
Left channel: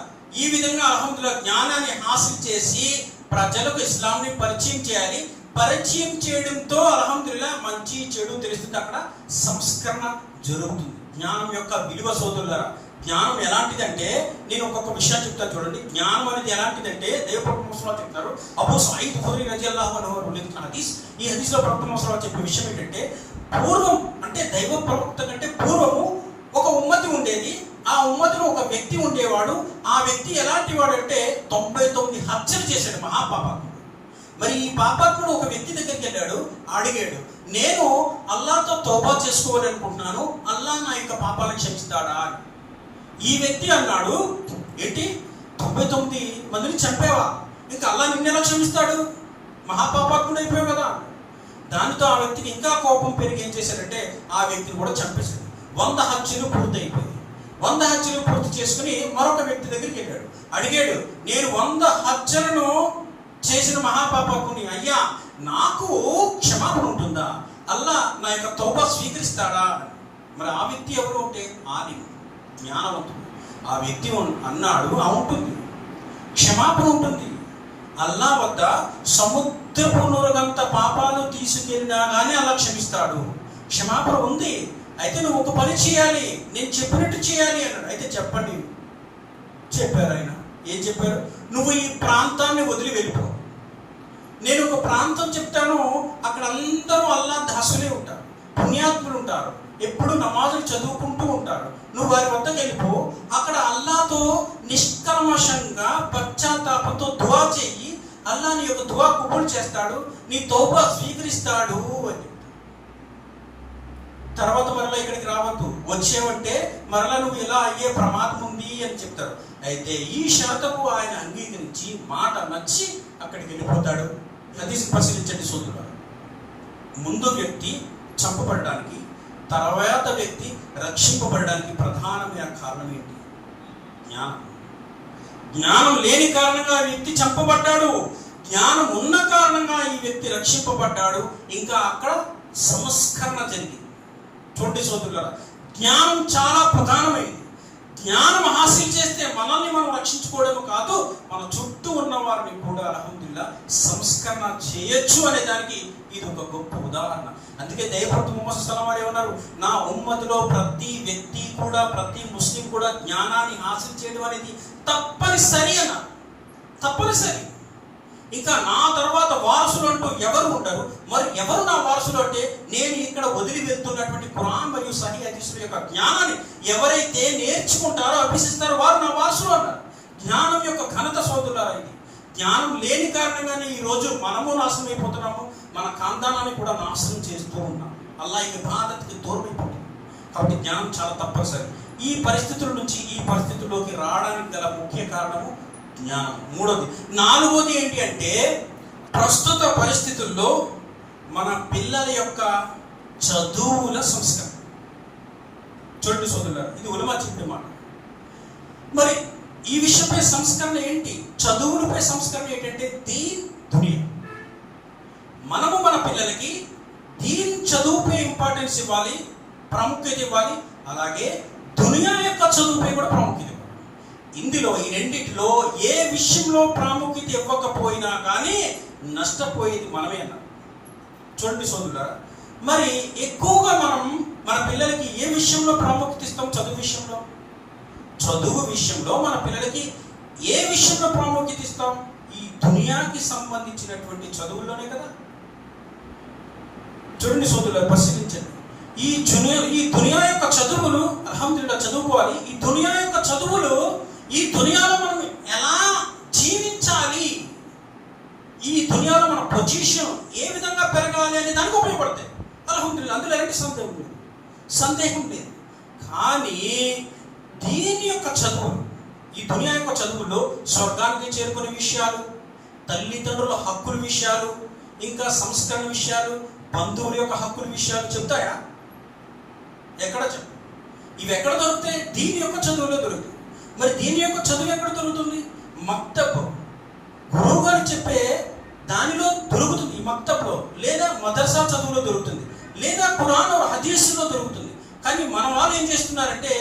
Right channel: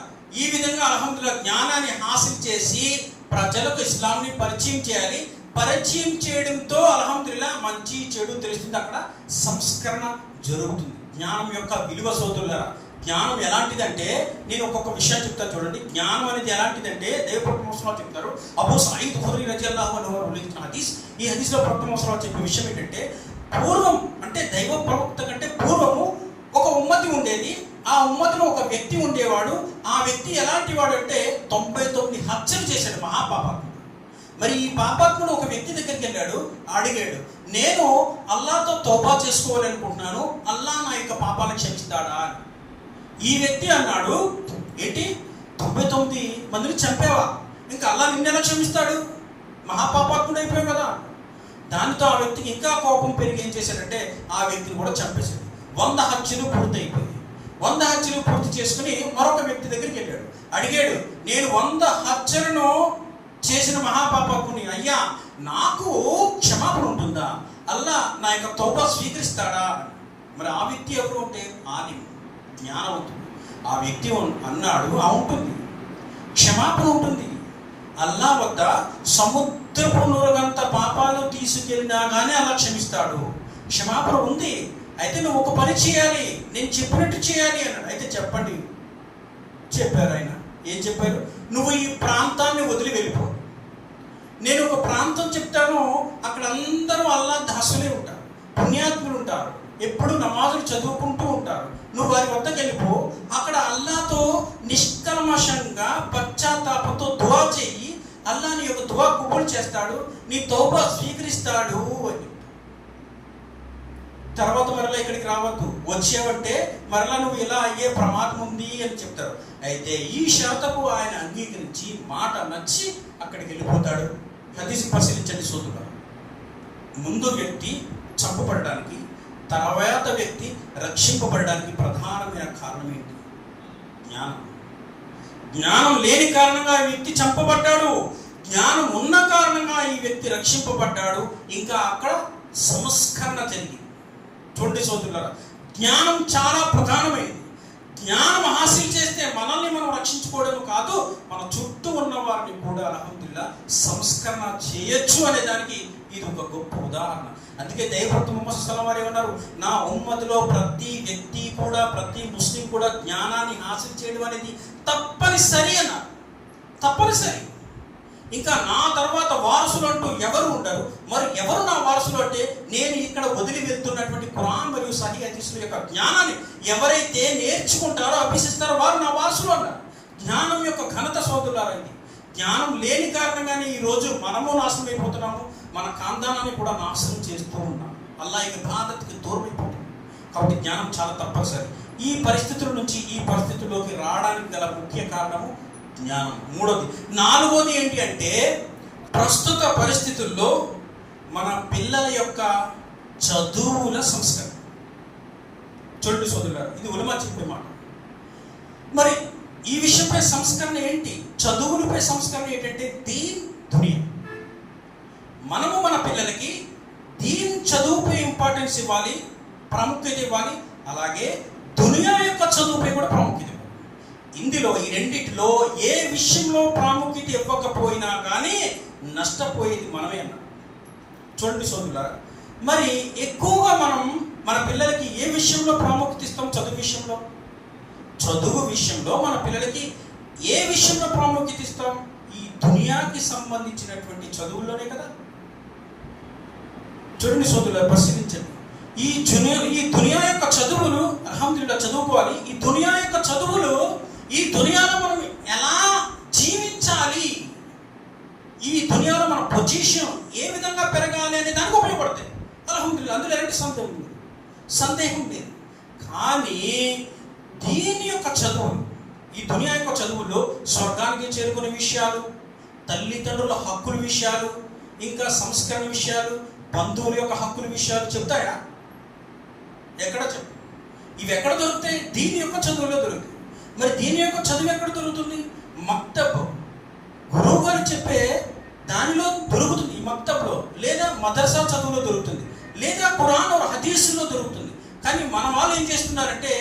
ఈ విధంగా అల్హమ్దులిల్లాహ్ జ్ఞానాన్ని హాసిల్ చేసి ప్రజలకు ఇస్లాంని పరిచయం చేయాలి. పరిచయం చేయడంతో అల్హమ్దులిల్లాహ్ మంచి చెడు తెలుస్తుంది, అక్కడ సంస్కరణ జరుగుతుంది. జ్ఞానం యొక్క విలువ సోదరులారా, జ్ఞానం ఎలాంటిదంటే, నేను ఒక్కొక్క విషయం చెప్తాను చూడండి. జ్ఞానం అనేది ఎలాంటిదంటే, దైవప్రవక్త ముహమ్మద్ సల్లల్లాహు అలైహి వసల్లం చెప్తారు. అబూ సయీద్ ఖుద్రీ రజియల్లాహు అన్హు ఉల్లేఖించిన హదీస్. ఈ హదీస్లో ప్రవక్త ముహమ్మద్ సల్లల్లాహు అలైహి వసల్లం చెప్పే విషయం ఏంటంటే, పూర్వం అంటే దైవ ప్రవక్త కంటే పూర్వము ఒక ఉమ్మతి ఉండేది. ఆ ఉమ్మతిలో ఒక వ్యక్తి ఉండేవాడు. ఆ వ్యక్తి ఎలాంటి వాడు అంటే 99 హత్యలు చేశాడు, మహాపాపాత్ముడు. మరి ఈ పాపాత్ముడు ఒక వ్యక్తి దగ్గరికి వెళ్ళాడు, అడిగాడు, నేను అల్లాహ్తో తౌబా చేసుకోవాలనుకుంటున్నాను, అల్లాహ్ నా యొక్క పాపాలను క్షమిస్తాడా అని. ఈ వ్యక్తి అన్నాడు, ఏంటి 99 మందిని చంపావా, ఇంకా అల్లా నిన్నెలా క్షమిస్తాడు, మహాపాపాత్ముడు అయిపోయావు కదా. దానితో ఆ వ్యక్తికి ఇంకా కోపం పెరిగి ఏం చేశాడంటే ఆ వ్యక్తిని కూడా చంపేశాడు. 100 హత్యలు పూర్తి అయిపోయాయి. 100 హత్యలు పూర్తి చేసుకుని మరొక వ్యక్తి దగ్గరికి వెళ్ళాడు. అడిగాడు, నేను 100 హత్యలను చేసిన మహాపాపకుని, అయ్యా నాకు క్షమాపణ ఉంటుందా, అల్లా నా యొక్క తౌబా స్వీకరిస్తాడా. మరి ఆ వ్యక్తి ఎవరు అంటే ఆలిం, జ్ఞానవంతుడు. ఆ వ్యక్తి అన్నాడు, ఉంటుంది, క్షమాపణ ఉంటుంది. అల్లా వద్ద సముద్రపు నూరగంత పాపాలు తీసుకెళ్ళినా కానీ అల్లా క్షమిస్తాడు, క్షమాపణ ఉంది. అయితే నువ్వు ఒక పని చేయాలి, నేను చెప్పినట్టు చేయాలి అన్నాడు. అయితే చెప్పండి. చెప్పారు ఆయన. ఏం చెప్పారు? నువ్వు ఈ ప్రాంతాన్ని వదిలి వెళ్ళిపో. నేను ఒక ప్రాంతం చెప్తాను, అక్కడ అందరూ అల్లా దాసులే ఉంటారు, పుణ్యాత్ములు ఉంటారు, ఎప్పుడు నమాజులు చదువుకుంటూ ఉంటారు. నువ్వు వారి వద్దకు వెళ్ళిపో, అక్కడ అల్లాతో నిష్కల్మషంగా పశ్చాత్తాపంతో దువా చెయ్యి, అల్లా నీ యొక్క దువా కబూల్ చేస్తాడు, నీ తౌబా స్వీకరిస్తాడు అని. తర్వాత మరలా ఇక్కడికి రావద్దు, వచ్చేవంటే మరలా నువ్వు ఇలా అయ్యే ప్రమాదం ఉంది అని చెప్తారు. అయితే ఈ షరతుకు ఆయన అంగీకరించి మాట నచ్చి అక్కడికి వెళ్ళిపోతాడు. హదీస్ పరిశీలించండి సోదరులారా. ముందు వ్యక్తి చంపబడడానికి, తర్వాత వ్యక్తి రక్షింపబడడానికి ప్రధానమైన కారణం ఏంటి? జ్ఞానం. జ్ఞానం లేని కారణంగా ఈ వ్యక్తి చంపబడ్డాడు, జ్ఞానం ఉన్న కారణంగా ఈ వ్యక్తి రక్షింపబడ్డాడు. ఇంకా అక్కడ సంస్కరణ జరిగింది. చూడండి సోదరులారా, జ్ఞానం చాలా ప్రధానమైనది. జ్ఞానం హాసిల్ చేస్తే మనల్ని మనం రక్షించుకోవడం కాదు, మన చుట్టూ ఉన్న వారిని కూడా అల్హమ్దులిల్లాహ్ సంస్కరణ చేయొచ్చు అనే దానికి ఇది ఒక గొప్ప ఉదాహరణ. అందుకే దైవభక్త ముహమ్మద్ సల్లల్లాహు అలైహి వసల్లం వారు ఏమన్నారు? నా ఉమ్మతిలో ప్రతి వ్యక్తి కూడా, ప్రతి ముస్లిం కూడా జ్ఞానాన్ని హాసిల్ చేయడం అనేది తప్పనిసరి అన్నారు. తప్పనిసరి. ఇంకా నా తర్వాత వారసులు అంటూ ఎవరు ఉండరు. మరి ఎవరు నా వారసులు అంటే, నేను ఇక్కడ వదిలి వెళ్తున్నటువంటి ఖురాన్ మరియు సహీ హదీసుల యొక్క జ్ఞానాన్ని ఎవరైతే నేర్చుకుంటారో, అభ్యసిస్తారో వారు నా వారసులు అన్నారు. జ్ఞానం యొక్క ఘనత సోదరులారా ఇది. జ్ఞానం లేని కారణంగానే ఈరోజు మనము నాశనం అయిపోతున్నాము, మన ఖాందానాన్ని కూడా నాశనం చేస్తూ ఉన్నాం, అల్లా యొక్క బాధ్యతకి దూరం అయిపోతున్నాం. కాబట్టి జ్ఞానం చాలా తప్పనిసరి. ఈ పరిస్థితుల నుంచి ఈ పరిస్థితుల్లోకి రావడానికి గల ముఖ్య కారణము జ్ఞానం. మూడోది. నాలుగోది ఏంటి అంటే, ప్రస్తుత పరిస్థితుల్లో మన పిల్లల యొక్క చదువుల సంస్కరణ. చూడండి సోదరులారా, ఇది ఉలమా చెప్పిన మాట. మరి ఈ విషయంపై సంస్కరణ ఏంటి? చదువులపై సంస్కరణ ఏంటంటే దీన్ దునియా. మనము మన పిల్లలకి దీన్ చదువుపై ఇంపార్టెన్స్ ఇవ్వాలి, ప్రాముఖ్యత ఇవ్వాలి. అలాగే దునియా యొక్క చదువుపై కూడా ప్రాముఖ్యత ఇవ్వాలి. ఇందులో ఈ రెండిటిలో ఏ విషయంలో ప్రాముఖ్యత ఇవ్వకపోయినా కానీ నష్టపోయేది మనమే అన్నారు. చూడండి సోదరులారా, మరి ఎక్కువగా మనం మన పిల్లలకి ఏ విషయంలో ప్రాముఖ్యత ఇస్తాం? చదువు విషయంలో. చదువు విషయంలో మన పిల్లలకి ఏ విషయంలో ప్రాముఖ్యత ఇస్తాం? ఈ దునియాకి సంబంధించినటువంటి చదువుల్లోనే కదా. చూడండి సోదరులారా, పరిశీలించండి. ఈ దునియా యొక్క చదువులు అల్హమ్దులిల్లాహ్ చదువుకోవాలి. ఈ దునియా యొక్క చదువులు ఈ దునియాలో మనం ఎలా జీవించాలి, ఈ దునియాలో మన పొజిషన్ ఏ విధంగా పెరగాలి అనే దానికి ఉపయోగపడతాయి. అల్హమ్దులిల్లాహ్, అందులో ఎలాంటి సందేహం లేదు. కానీ దీని యొక్క చదువులు, ఈ దునియా యొక్క చదువుల్లో స్వర్గానికి చేరుకునే విషయాలు, తల్లిదండ్రుల హక్కుల విషయాలు, ఇంకా సంస్కరణ విషయాలు, బంధువుల యొక్క హక్కుల విషయాలు చెప్తాయా? ఎక్కడ చెప్పు. ఇవి ఎక్కడ దొరుకుతాయి? దీని యొక్క చదువులో దొరుకుతాయి. మరి దీని యొక్క చదువు ఎక్కడ దొరుకుతుంది? మక్తబ్, గురువు గారు చెప్పే దానిలో దొరుకుతుంది. ఈ మక్తబ్లో లేదా మదర్సా చదువులో దొరుకుతుంది, లేదా ఖురాన్ హదీసులో దొరుకుతుంది. కానీ మన వాళ్ళు ఏం చేస్తున్నారంటే,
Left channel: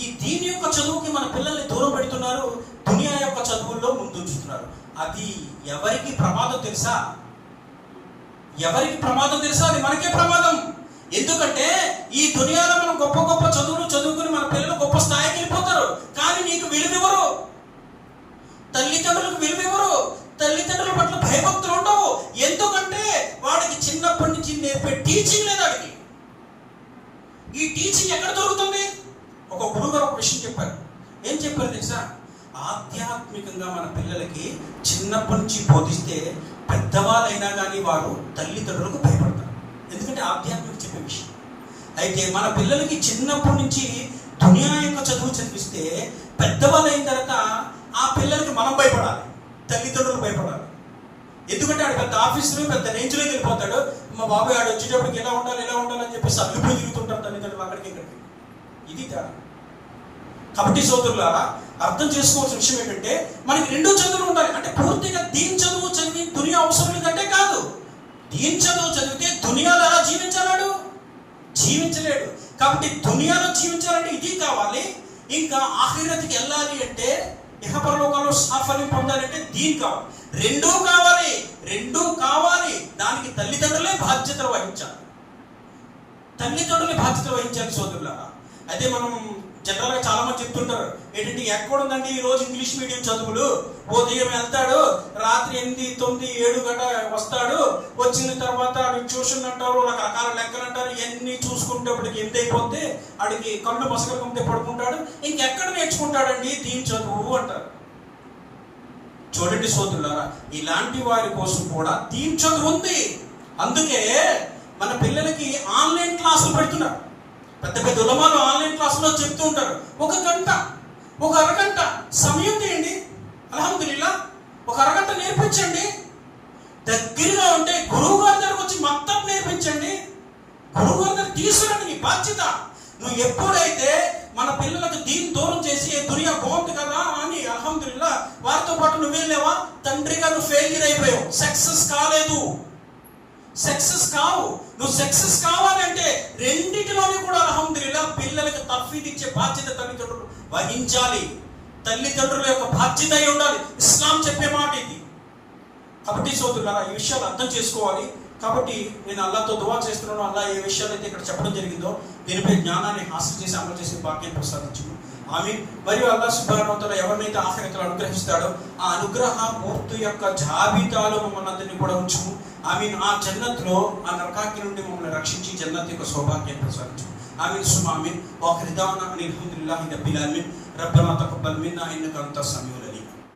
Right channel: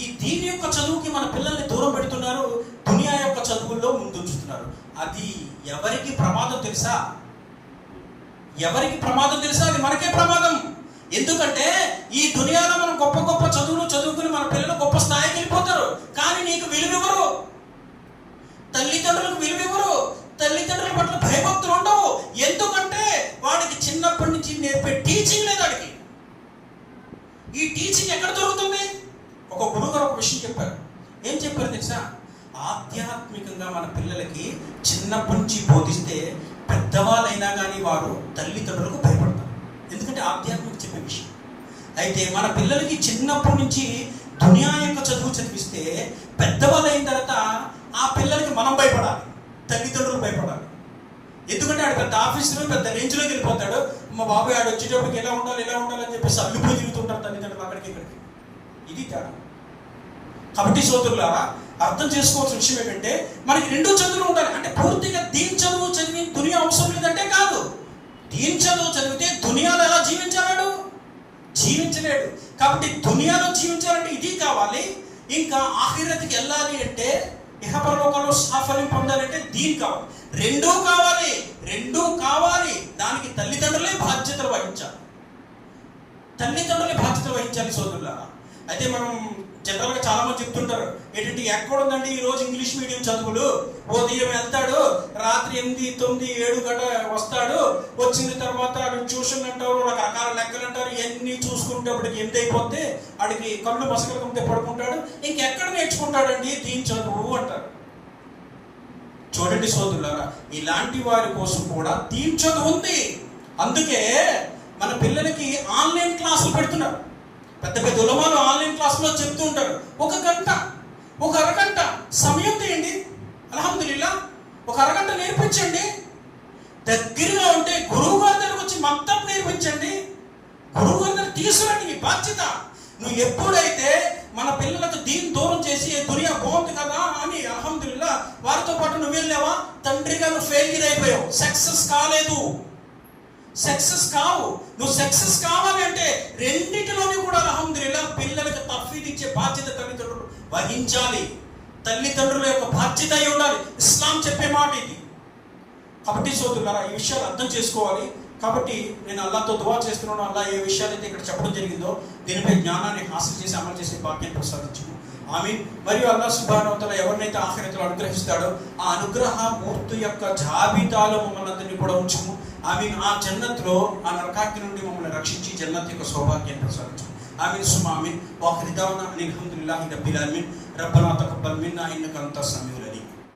ఈ దీని యొక్క చదువుకి మన పిల్లల్ని దూరం పెడుతున్నారు, దునియా యొక్క చదువుల్లో ముందుంచుతున్నారు. అది ఎవరికి ప్రమాదం తెలుసా? ఎవరికి ప్రమాదం తెలుసా? అది మనకే ప్రమాదం. ఎందుకంటే ఈ దునియాలో మనం గొప్ప గొప్ప చదువులు చదువుకుని మన పిల్లలు గొప్ప స్థాయికి వెళ్ళిపోతారు, కానీ నీకు విలువివ్వరు, తల్లిదండ్రులకు విలువివ్వరు, తల్లిదండ్రుల పట్ల భయభక్తులు ఉండవు. ఎందుకంటే వాడికి చిన్నప్పటి నుంచి నేర్పే టీచింగ్ లేదు. వాడికి ఈ టీచింగ్ ఎక్కడ దొరుకుతుంది? ఒక గురువు గారు ఒక విషయం చెప్పారు. ఏం చెప్పారు తెలుసా? ఆధ్యాత్మికంగా మన పిల్లలకి చిన్నప్పటి నుంచి బోధిస్తే పెద్దవాళ్ళైనా కానీ వారు తల్లిదండ్రులకు భయపడతారు. ఎందుకంటే ఆధ్యాత్మిక చెప్పే విషయం. అయితే మన పిల్లలకి చిన్నప్పటి నుంచి దునియా యొక్క చదువు చదివిస్తే పెద్దవాళ్ళు అయిన తర్వాత ఆ పిల్లలకి మనం భయపడాలి, తల్లిదండ్రులు భయపడాలి. ఎందుకంటే ఆడు పెద్ద ఆఫీసులో పెద్ద రేంజ్లోకి వెళ్ళిపోతాడు. మా బాబాయ్ ఆడు వచ్చేటప్పటికి ఎలా ఉండాలి అని చెప్పేసి అల్లుపోయి తిరుగుతుంటారు తల్లిదండ్రులు అక్కడికి ఇక్కడికి. ఇది తేడా. కాబట్టి సోదరులారా, అర్థం చేసుకోవాల్సిన విషయం ఏంటంటే మనకి రెండు చదువులు ఉండాలి. అంటే పూర్తిగా దీని చదువు చదివి దునియా అవసరం లేదంటే కాదు. దీని చదువు చదివితే దునియాలో ఎలా జీవించాడు? జీవించలేడు. కాబట్టి దునియాలో జీవించాలంటే ఇది కావాలి. ఇంకా ఆఖిరత్కి వెళ్ళాలి అంటే, ఇహపరలోకంలో సాఫల్యం పొందాలంటే దీని కావాలి. రెండూ కావాలి. దానికి తల్లిదండ్రులే బాధ్యతలు వహించాలి సోదరులారా. అయితే మనం జనరల్గా చాలా మంది చెప్తుంటారు ఏంటంటే, ఎక్కడుందండి ఈరోజు ఇంగ్లీష్ మీడియం చదువులు? ఉదయం వెళ్తాడు, రాత్రి 8, 9, 7 గంట వస్తాడు. వచ్చిన తర్వాత ట్యూషన్ అంటారు, రకరకాల లెక్కలు అంటారు. ఇవన్నీ చూసుకుంటేప్పటికి ఎంత అయిపోతే ఆడికి కళ్ళు మసకలు ముందే పడుకుంటాడు. ఇంకెక్కడ నేర్చుకుంటాడండి దీని చదువు అంటారు. చూడండి సోదరులారా, ఇలాంటి వారి కోసం కూడా దీని చదువు ఉంది. అందుకే మన పిల్లలకి ఆన్లైన్ క్లాసులు పెడుతున్నారు. పెద్ద పెద్ద ఉలమాలు ఆన్లైన్ క్లాసులో చెప్తూ ఉంటారు. ఒక అరగంట సమయం తీయండి. అల్హమ్దులిల్లా, ఒక అరగంట నేర్పించండి. దగ్గరగా ఉంటే గురువు గారి దగ్గరకు వచ్చి మొత్తం నేర్పించండి. గురువు గారి దగ్గర తీసుకురండి, మీ బాధ్యత. నువ్వు ఎప్పుడైతే మన పిల్లలకు దీన్ని దూరం చేసి దునియా బాగుంది కదా అని అల్హమ్దులిల్లా వారితో పాటు నువ్వు వెళ్ళావా, తండ్రిగా నువ్వు ఫెయిల్యూర్ అయిపోయావు, సక్సెస్ కావు. నువ్వు సక్సెస్ కావాలి అంటే రెండిటిలోనే కూడా అల్హమ్దులిల్లా పిల్లలకు తఫ్వీద్ ఇచ్చే బాధ్యత తల్లిదండ్రులు వహించాలి. తల్లిదండ్రుల యొక్క బాధ్యత అయి ఉండాలి. ఇస్లాం చెప్పే మాట ఇది. కాబట్టి సోదరులారా, ఈ విషయాలు అర్థం చేసుకోవాలి. కాబట్టి నేను అల్లాహ్తో దువా చేస్తున్నాను, అల్లాహ్ ఏ విషయాలైతే ఇక్కడ చెప్పడం జరిగిందో దీనిపై జ్ఞానాన్ని హాసిల్ చేసి అమలు చేసే భాగ్యం ప్రసాదించును. ఆమీన్. మరియు అల్లాహ్ సుబ్హానహు వ తఆలా ఎవరినైతే ఆఖిరతులో అనుగ్రహిస్తాడో ఆ అనుగ్రహ మూర్తి యొక్క జాబితాలో మమ్మల్ని అందరినీ కూడా ఉంచుము. ఆమీన్. ఆ జన్నత్లో ఆ నరకాగ్ని నుండి మమ్మల్ని రక్షించి జన్నత్ యొక్క సౌభాగ్యం ప్రసాదించు. ఆమీన్ సుమ ఆమీన్. వాఖిర్ దఅవానా అల్హమ్దులిల్లాహి రబ్బిల్ ఆలమీన్. రబ్బనా తఖబ్బల్ మిన్నా ఇన్నక అంతస్ సమీఉల్